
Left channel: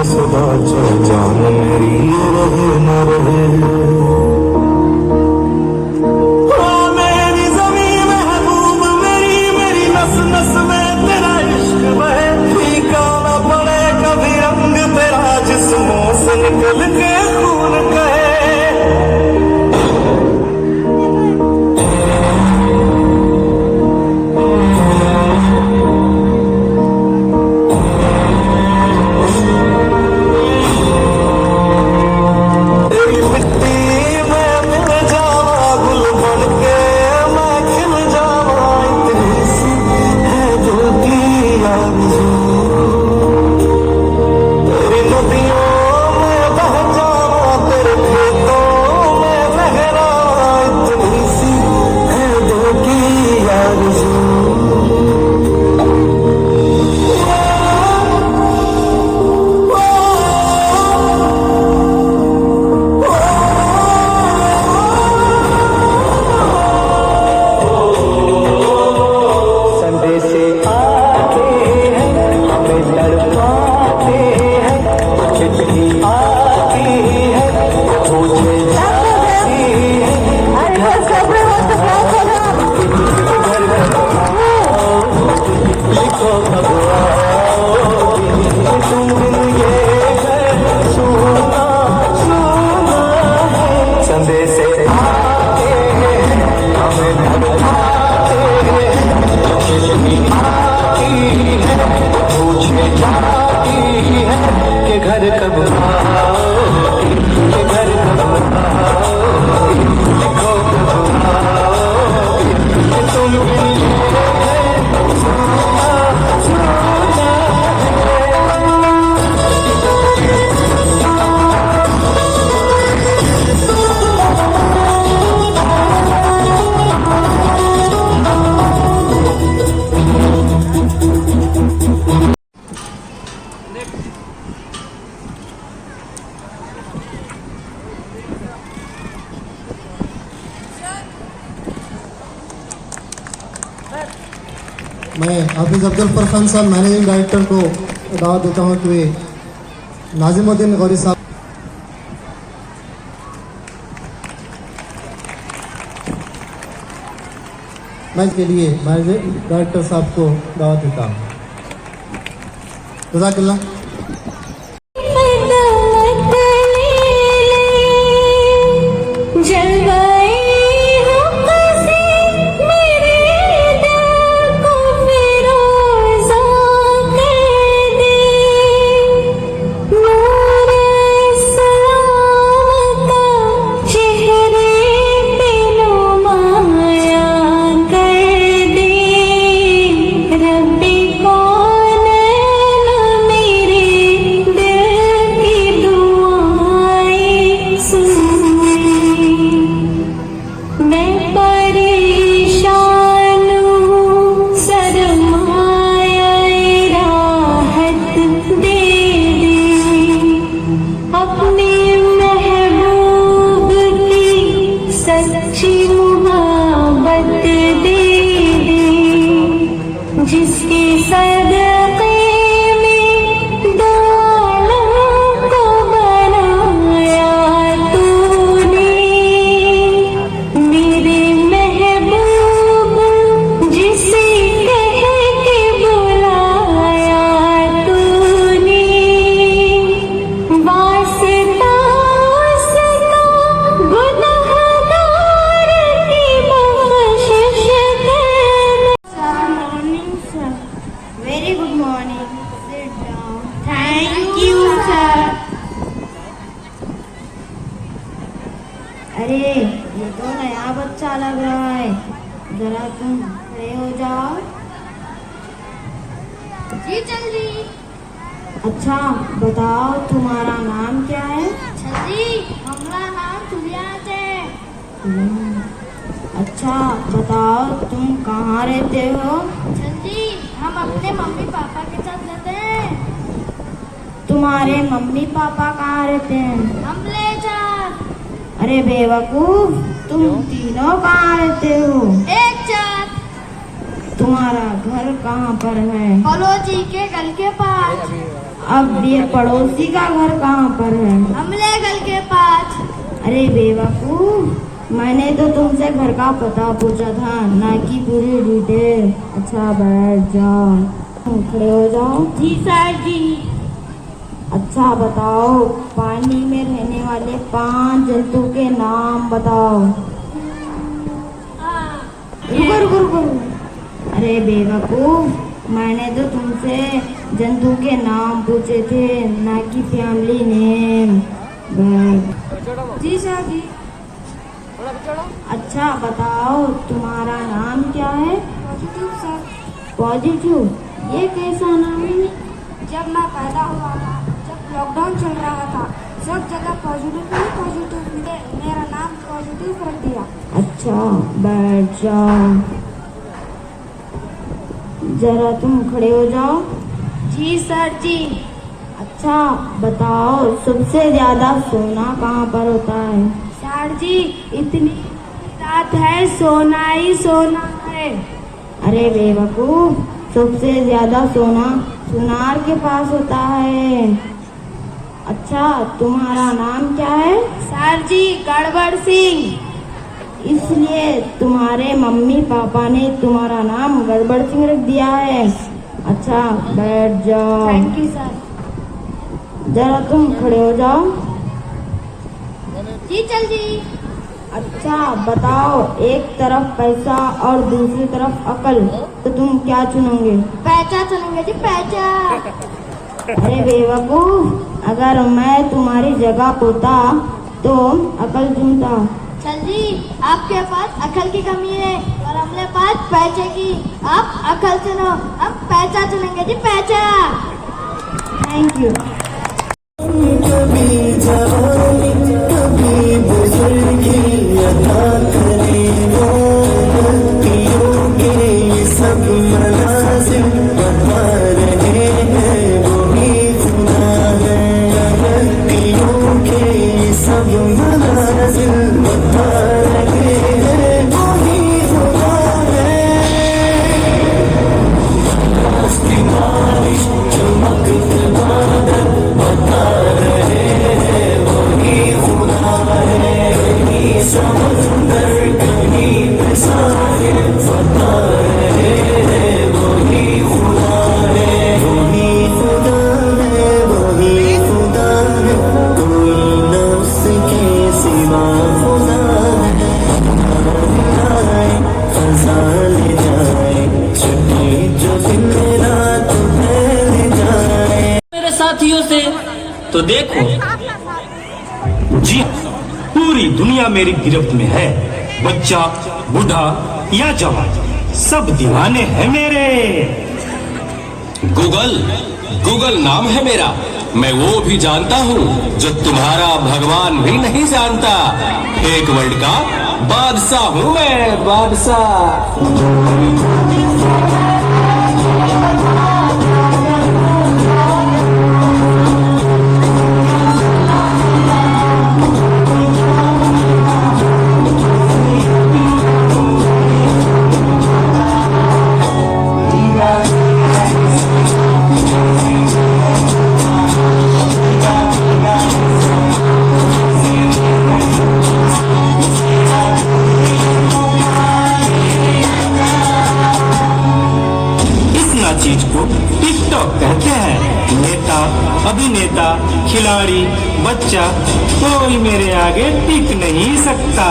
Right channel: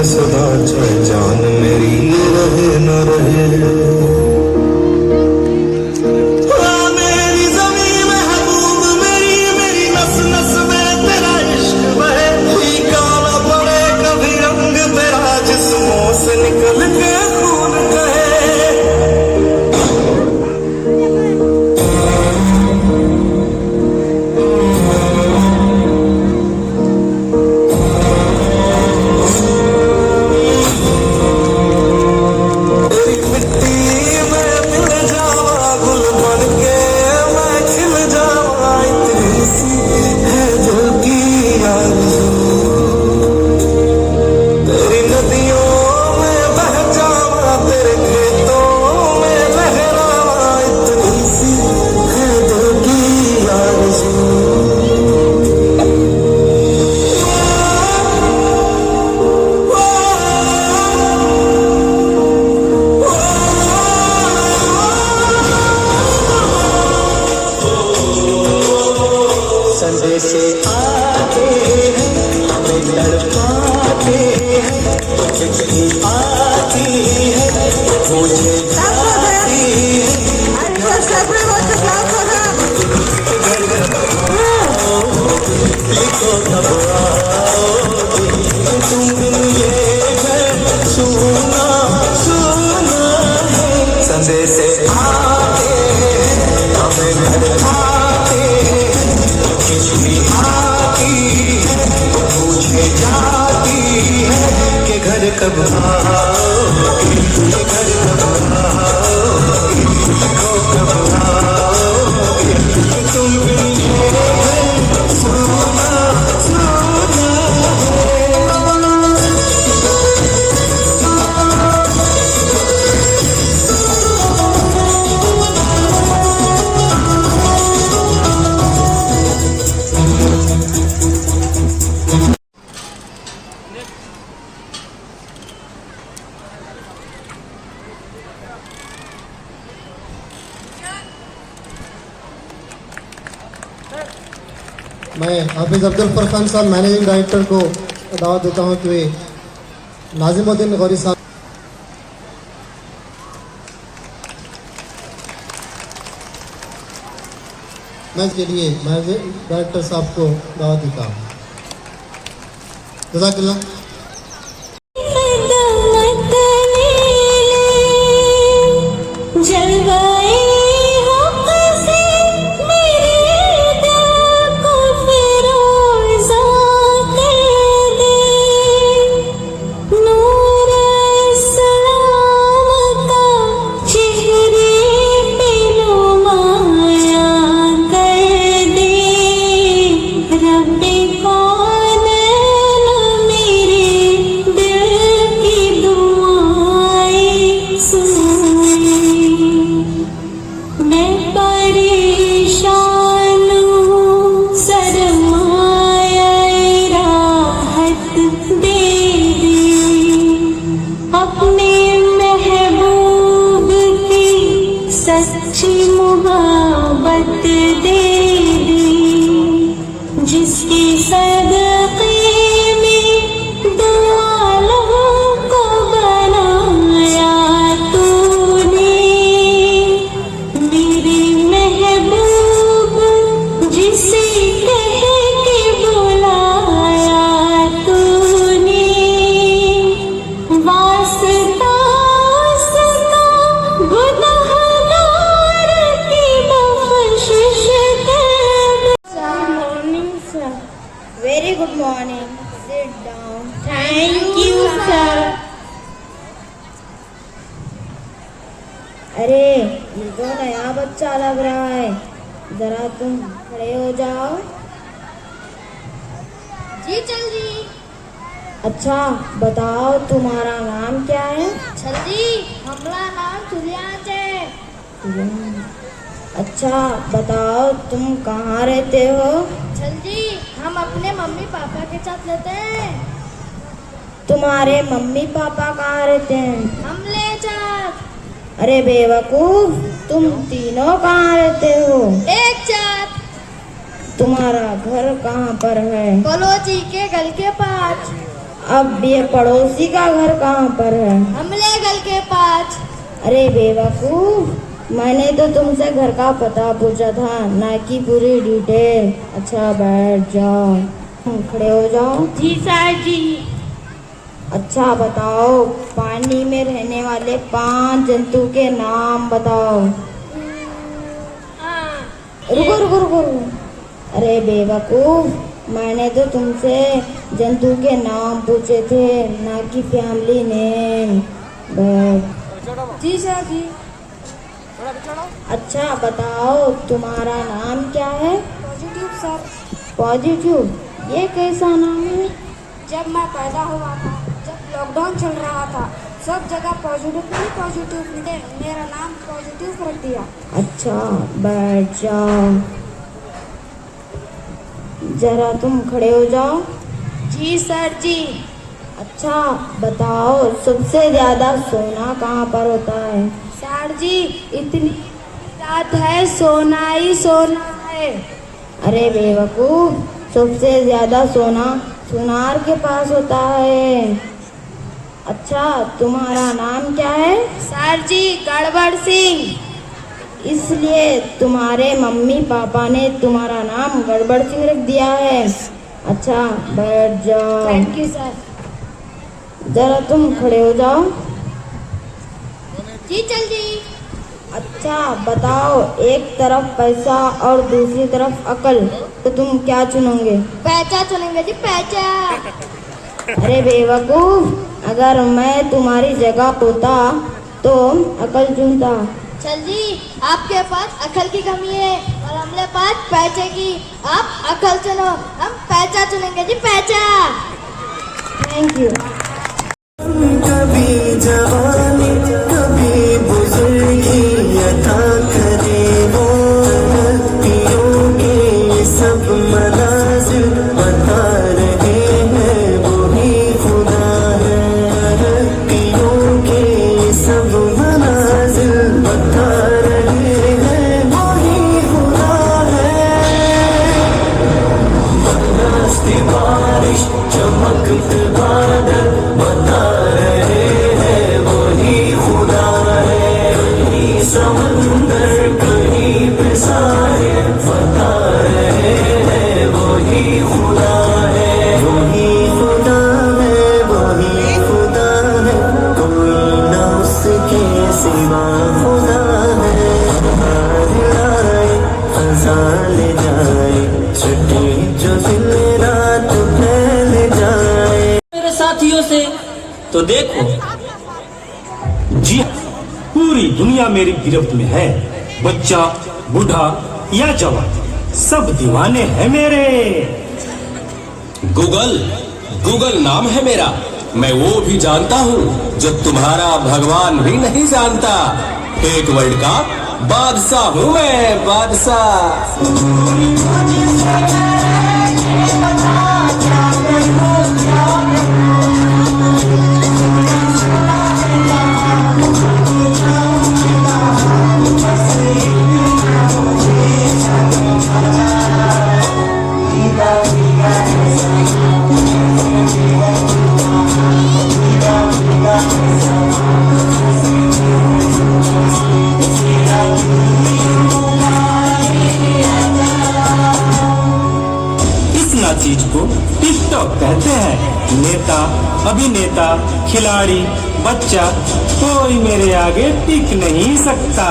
सदा चाहे जान मेरी रहे न रहे। मेरी ज़मीं महबूब मेरी, मेरी नस नस में तेरा इश्क बहे। फीका न पड़े कभी रंग तेरा जिस्मों से निकल के खून कहे। से आते हैं हमें तड़पाते हैं, खिचड़ी आती है मुझे जाती है। लिखो कब आओगे तुम बिन ये घर सुना सुना है। संदेश से आते हैं हमें तड़पाते हैं, मुझे जाती है कि घर कब आओगे, घर कब आओगे, कब आओगे तुम सुना सुना मैं हाफिज अफजल फरखान साहब मैनेजिंग डायरेक्टर को दावत देता हूँ कि वे नाजिमुद्दीन गौरी साहब मैच के लिए मैनेजिंग डायरेक्टर साहब को दावत देता हूँ। जज़ाकल्लाह। जिसकी सदक़े में दो आलम को बनाया तूने, मेरे महबूब जिसे कह के बुलाया तूने। वास्ता उसका गुनहगार की बख्शिश Very good morning. Sit down. Thank you, sir. अरे ये तो नया बच्चा लग रहा है, जरा तुम खड़े हो जाओ। जी जल्दी। अच्छा बताओ तुम्हारा नाम क्या है? जल्दी हमारा नाम तुलियात है। अच्छा बताओ तुम कहाँ रहते हो? जल्दी हम अपने मम्मी पापा के साथ रहते हैं। तुम्हारे मम्मी पापा कहाँ रहते हैं? हम ले जा। अरे बेवकूफ, तुम तीनों कहाँ रहते हो? एक साथ। तुम्हारा घर कहाँ पर है? कॉलोजी के गल के पास। अब ये पड़ोसी का घर कहाँ पर है? हमले गल के पास। अरे बेवकूफ, मैंने तो तुमसे घर का पता पूछा था, ना कि पूरी डिटेल। अच्छा बैठ जाओ, खड़े हो जाओ। जी सर जी। अच्छा बताओ, पानी में रहने वाले 5 जंतु के नाम बताओ। रुको रुको रुको। अरे बेवकूफ, मैंने तो तुमसे जंतु के नाम पूछे थे, ना कि फैमिली नेम। जी सर जी। अच्छा बताओ, तुम्हारा नाम क्या है? Positive sir. पॉजिटिव, ये कैसा नाम है? जब मैं पैदा हुआ था, जब लॉकडाउन चल रहा था, सब जगह पॉजिटिव मेरा नाम पॉजिटिव रख दिया। अच्छा बैठ जाओ, जरा तुम खड़े हो जाओ। जी सर जी। अच्छा बताओ, सबसे ज्यादा सोना कहाँ पर होता है? सर जी, इतनी रात है, सोना ही सोना है। अरे बेवकूफ, सबसे ज्यादा सोना सुनार के पास होता है। अच्छा तुम्हारा नाम क्या है? सर जी, गड़बड़ सिंह। इसलिए तुम्हारे मम्मी पापा ने तुम्हारा नाम गड़बड़ सिंह रख दिया है। अच्छा बैठ जाओ। Thank you sir. जरा तुम खड़े हो जाओ। जी चल जी। अच्छा बताओ, एक तरफ पैसा और दूसरी तरफ अकल, तो तुम क्या चुनोगे? पैचा चलेंगे जी, पैचा। अरे बेवकूफ, अगर मैं तुम्हारी जगह होता तो अकल चुनता। चल जी, आपके पास अकल की कमी है और हमने पास पैसे की। आप अकल चुनो, हम पैसा चुनेंगे जी, पैसा। Thank you. कभी जवानी कभी बुजुर्गी अता करे वो, पियोगे सब मनाजिल बता रहे हैं वही खुदा है। पियोगे सब मनाजिल बता रहे हैं वही खुदा है। बारिश चमकती बादल बता रहे हैं वही खुदा है। कहीं समंदर कहीं पे साहिल बता रहे हैं वही खुदा है। वही खुदा है, वही खुदा है, कोई न उसके सिवा खुदा है। आए खजाने जाए, छुट्टी जो दिन रात फैल जाए। मेरे साथियों से तो देखो जी, पूरी दुनिया मेरी गिरफ्त में है। बच्चा, बूढ़ा या जवान, सब दीवाने हैं मेरे। गूगल नाम है मेरा। मैं वो भी जानता हूँ जो तुम्हारा भगवान भी नहीं जानता। एक वर्ल्ड का बादशाह हूँ मैं, बादशाह। चीज को टिकटॉक कहते हैं। नेता, अभिनेता, खिलाड़ी, बच्चा, कोई मेरे आगे टिक नहीं सकता।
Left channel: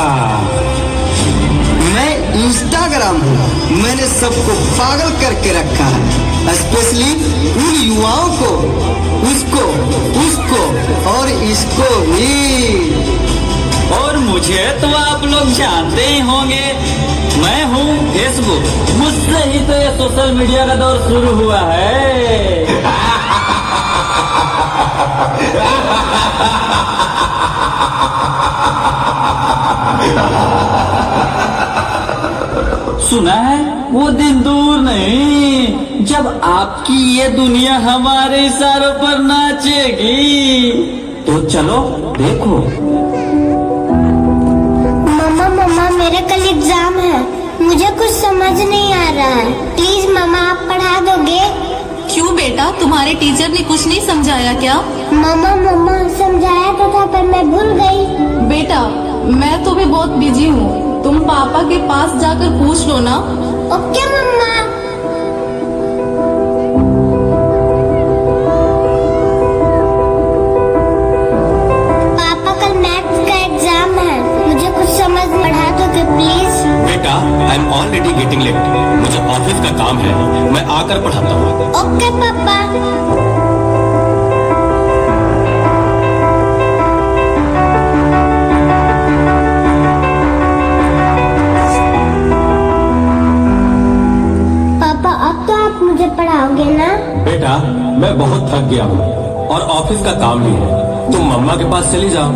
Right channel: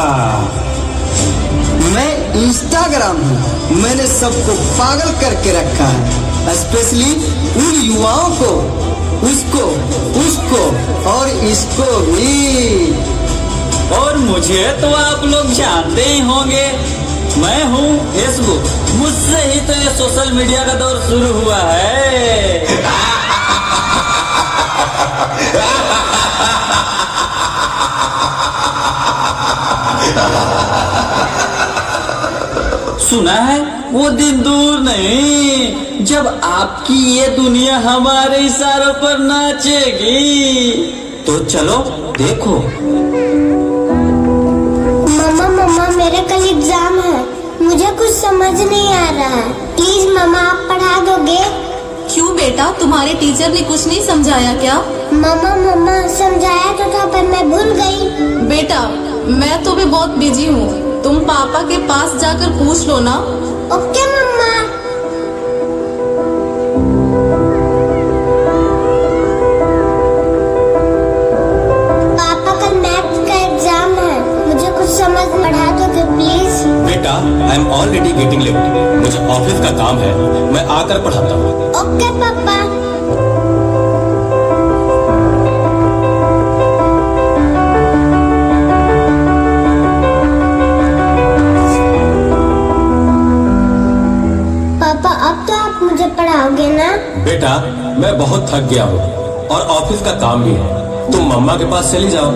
मैं इंस्टाग्राम हूँ, मैंने सबको पागल करके रखा है, स्पेशली उन युवाओं को, उसको और इसको भी। और मुझे तो आप लोग जानते ही होंगे, मैं हूँ फेसबुक। मुझसे ही तो ये सोशल मीडिया का दौर शुरू हुआ है। सुना है वो दिन दूर नहीं जब आपकी ये दुनिया हमारे इशारों पर नाचेगी। तो चलो देखो। मम्मा मेरा कल एग्जाम है, मुझे कुछ समझ नहीं आ रहा है, प्लीज मम्मा आप पढ़ा दोगे? क्यों बेटा, तुम्हारे टीचर ने कुछ नहीं समझाया क्या? मम्मा मम्मा समझाया तो था पर मैं भूल गई। बेटा मैं तो भी बहुत बिजी हूँ, तुम पापा के पास जाकर पूछ लो ना। ओके मम्मा। पापा कल मैथ्स का एग्जाम है, मुझे कुछ समझ पढ़ा दोगे प्लीज? बेटा I am already getting late, मुझे ऑफिस का काम है, मैं आकर पढ़ाता हूँ। ओके पापा। बेटा मैं बहुत थक गया हूँ और ऑफिस का काम भी है, तुम मम्मा के पास चली जाओ।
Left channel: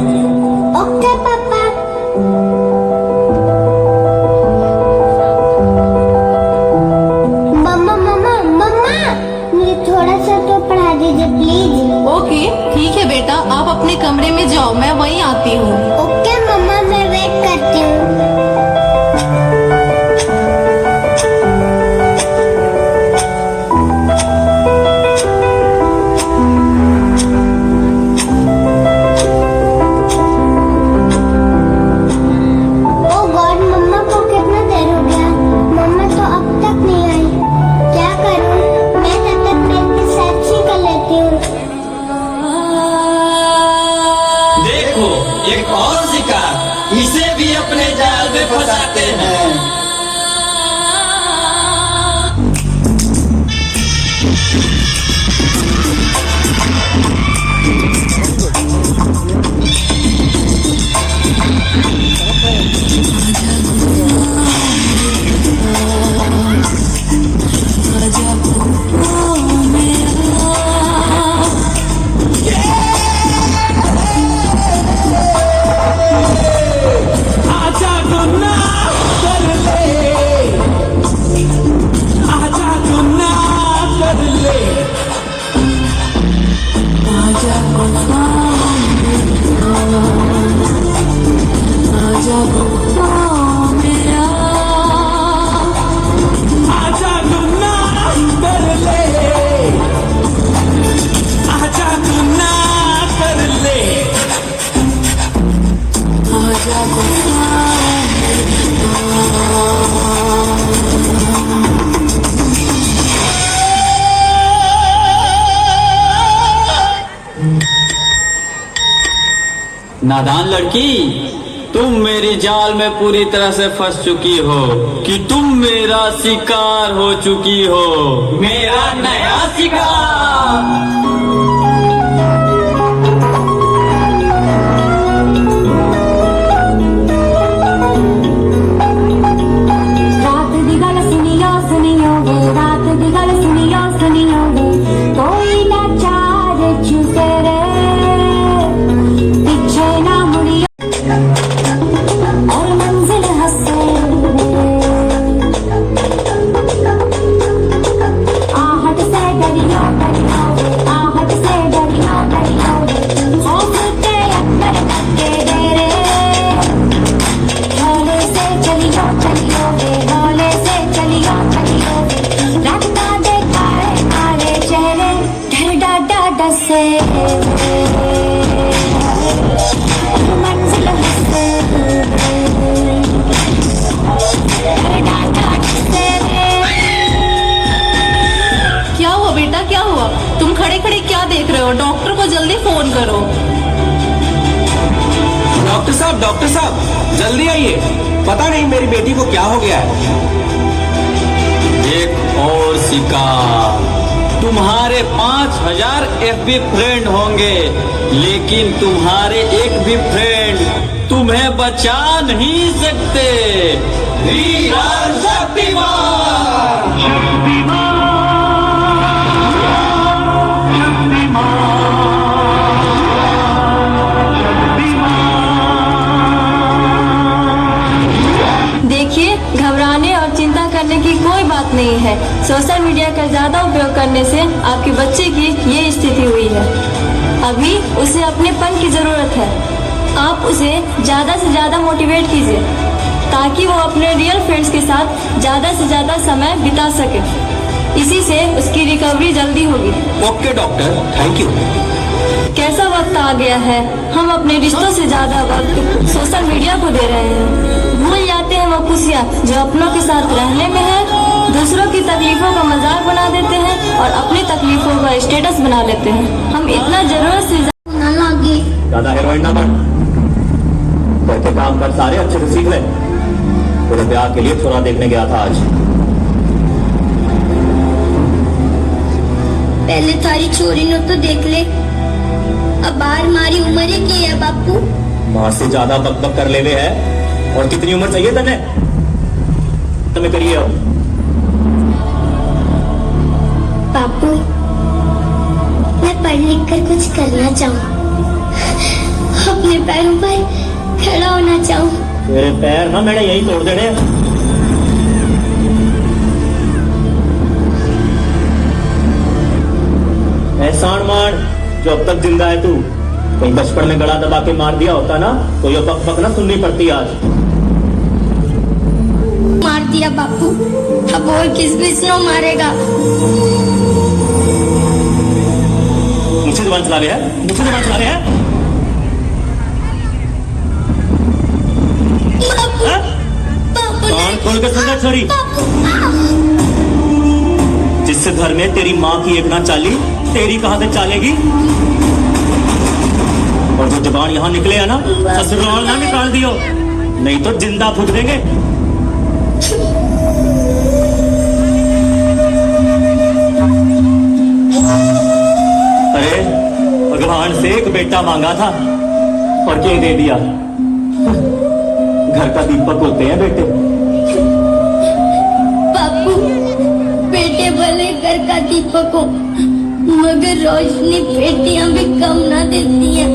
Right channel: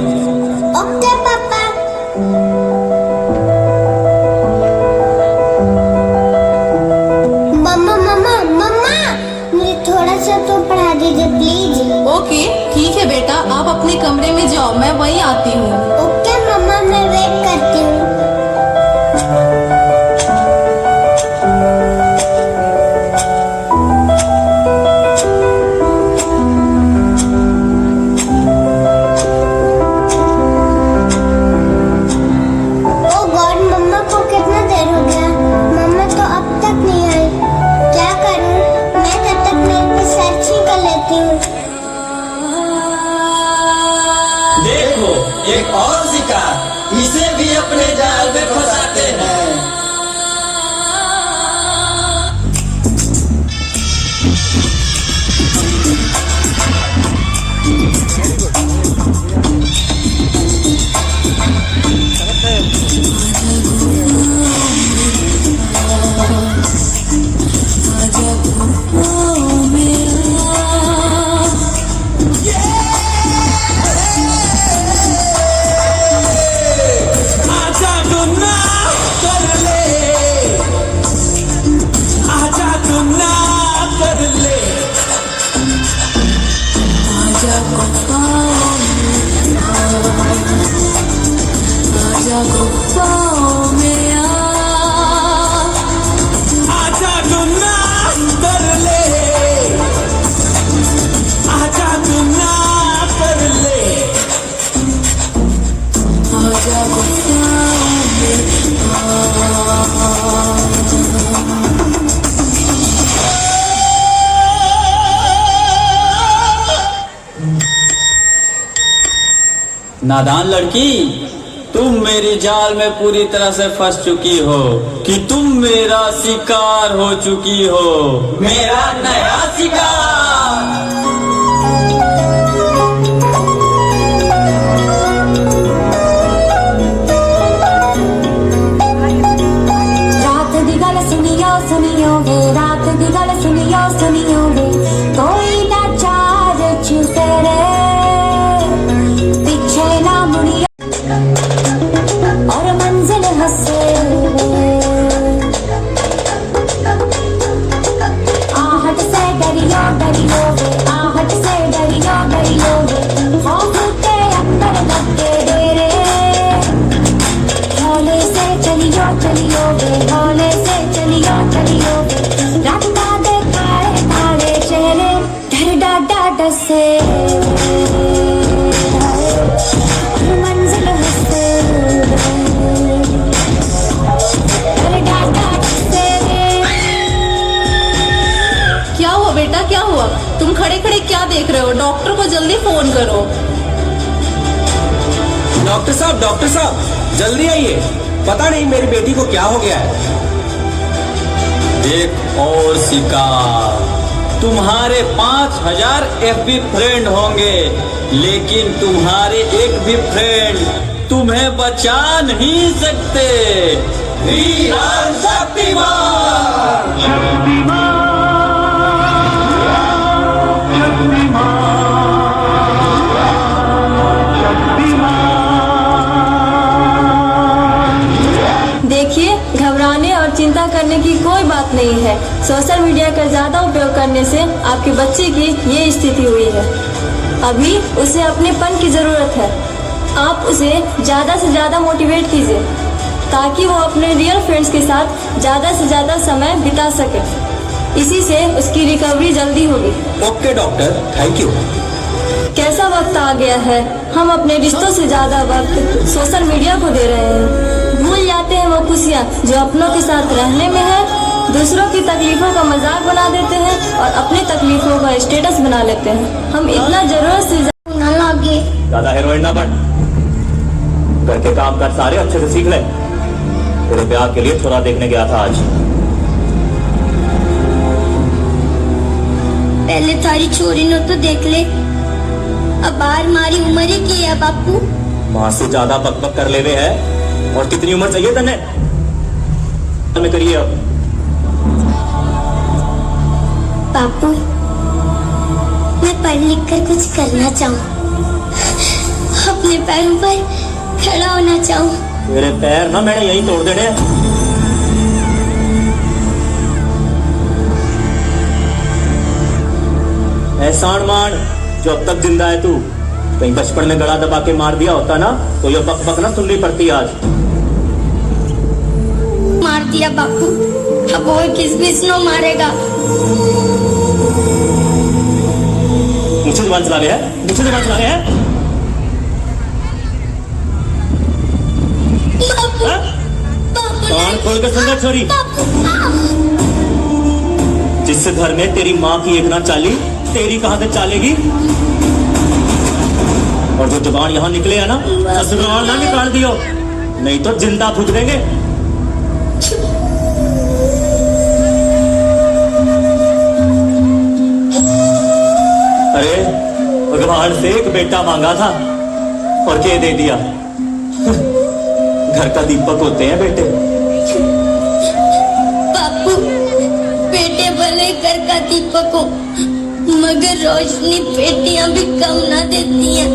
ओके पापा। मम्मा मम्मा मम्मा मुझे थोड़ा सा तो पढ़ा दीजिए प्लीज। ओके ठीक है बेटा, आप अपने कमरे में जाओ, मैं वहीं आती हूँ। ओके मम्मा मैं वेट करती हूँ। एक और शिकार, इसे भी अपने जाल में फंसाते हैं। नादान लड़की, तुम मेरी जाल में पूरी तरह से फंस चुकी हो कि तुम मेरा शिकार हो चुकी हो, मेरा नया शिकार। रात दी गल सुनियो सुनियो वे, रात दी गल सुनियो सुनियो वे, कोई ना चार छूटे रे, पीछे ना मुड़ियो और मंजिल हंसे आहट से डरियो डरियो वे, आहट से डरियो डरियो वे, खौफ के अंदर धक्के दे रे, हौले से चलियो चलियो वे, हौले से चलियो चलियो वे, रत्ता दे काले काले चेहरे, डर डाडा डसे, मंजिल हंसे, डर डाडा डसे। क्या हुआ बेटा, क्या हुआ? तुम खड़े खड़े क्या देख रहे हो? डॉक्टर को जल्दी फोन करो। डॉक्टर साहब जल्दी आइए, पता नहीं मेरी बेटी को क्या हो गया है। एक और शिकार, तुम्हारे 5000 FB फ्रेंड होंगे, लेकिन तुम्हारे एक भी फ्रेंड तुम्हें बचा नहीं सकते। वीरान शक्तिमान। देखिए, घबराने और चिंता करने की कोई बात नहीं है। सोशल मीडिया का ज्यादा उपयोग करने से आपके बच्चे की ये स्थिति हुई है। अभी उसे अपनेपन की जरूरत है। आप उसे ज्यादा से ज्यादा मोटिवेट कीजिए ताकि वो अपने रियल फ्रेंड्स के साथ ज्यादा से ज्यादा समय बिता सके। इसी से उसकी रिकवरी जल्दी होगी। Okay doctor, thank you. कैसा वक्त आ गया है, हम अपने रिश्तों से ज्यादा वक्त सोशल मीडिया को दे रहे हैं। भूल जाते हैं वो खुशियाँ जो अपनों के साथ रहने में है। दूसरों की तकलीफों का मजाक बना देते हैं और अपनी तकलीफों का स्टेटस बना लेते हैं। हम इतना जरूरत से ज्यादा हेलमेट ना बन, घर के काम कर सारे अच्छे से सीख ले। तेरे ब्याह के लिए थोड़ा देखने गया था आज। पहले थारी छोरी नो तो देख ले, अब बाहर मारी उम्र ही की है बापू। माँ से ज्यादा बकबक कर लेवे है। और कितनी उम्र चाहिए तने हमें करिए हो? बापू मैं पढ़ लिख कर कुछ करना चाहूँ, अपने पैरों पर खड़ा होना चाहूँ। तेरे पैर ना मैंने यही तोड़ देने। एहसान मान जो अब तक जिंदा है तू। कहीं बचपन में गला दबा के मार दिया होता ना तो ये बक बक ना सुननी पड़ती आज। मार दिया बापू, अब और किस नो मारेगा। मुझे जुबान चला रहे हैं, मुझे जुबान चला रहे हैं। कान खोल के सुन ले छोरी, जिससे घर में तेरी माँ की एक ना चाली, तेरी कहां से चालेगी? और जो जुबान यहाँ निकले है ना, ससुराल ना निकाल दियो, नहीं तो जिंदा फूट देंगे। अरे भगवान से एक बेटा मांगा था और ये दे दिया। घर का दीपक होते हैं बेटे। बापू बेटे भले घर का दीपक हो, मगर रोशनी बेटियां भी कम ना देती हैं।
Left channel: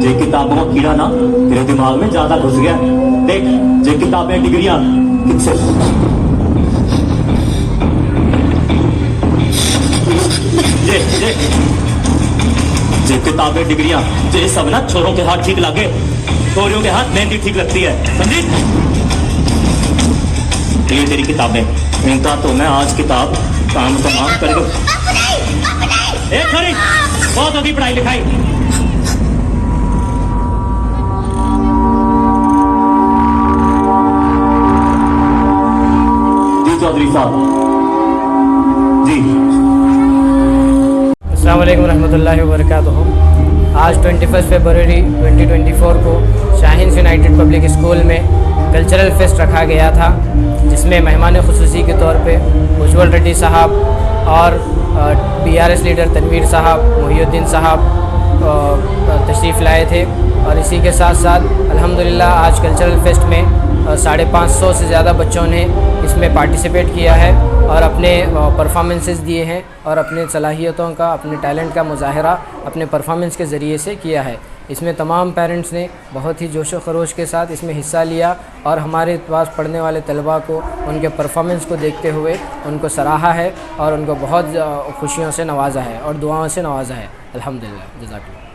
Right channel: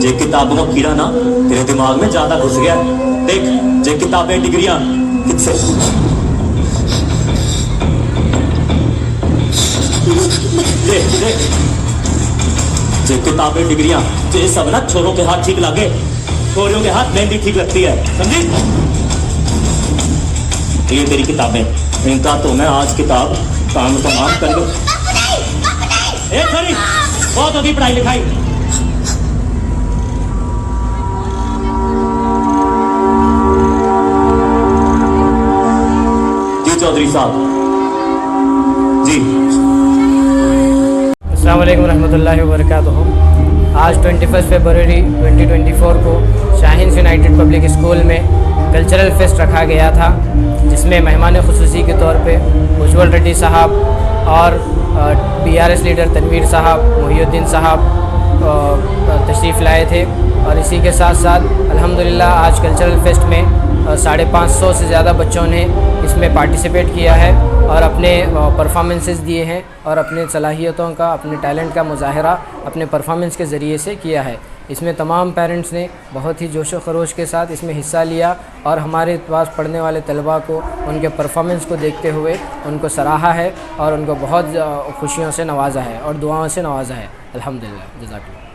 जे किताबों का कीड़ा ना तेरे दिमाग में ज्यादा घुस गया। देख जे किताबें डिग्रियां किससे जे किताबें डिग्रियां जे सब ना छोरों के हाथ ठीक लगे, छोरियों के हाथ मेहंदी ठीक लगती है, समझी? ये तेरी किताबें, इनका तो मैं आज किताब काम तमाम कर दो। बहुत होगी पढ़ाई लिखाई। जी चौधरी साहब जी। अस्सलाम वालेकुम रहमतुल्लाहि व बरकातुहू। आज 21 फरवरी 2024 को शाहीन यूनाइटेड पब्लिक स्कूल में कल्चरल फेस्ट रखा गया था, जिसमें मेहमान खुसूसी के तौर पे उज्ज्वल रेड्डी साहब और PRS लीडर तनवीर साहब, मोहिउद्दीन साहब तशरीफ़ लाए थे। और इसी के साथ साथ अल्हम्दुलिल्लाह आज कल्चरल फेस्ट में 550 से ज़्यादा बच्चों ने इसमें पार्टिसिपेट किया है और अपने परफॉर्मेंसेस दिए हैं और अपने सलाहियतों का, अपने टैलेंट का मुजाहरा अपने परफॉर्मेंस के ज़रिए से किया है। इसमें तमाम पेरेंट्स ने बहुत ही जोश व खरोश के साथ इसमें हिस्सा लिया और हमारे पास पढ़ने वाले तलबा को उनके परफॉर्मेंस को देखते हुए उनको सराहा है और उनको बहुत खुशियों से नवाजा है और दुआओं से नवाजा है। अल्हम्दुलिल्लाह, जज़ाकल्लाह।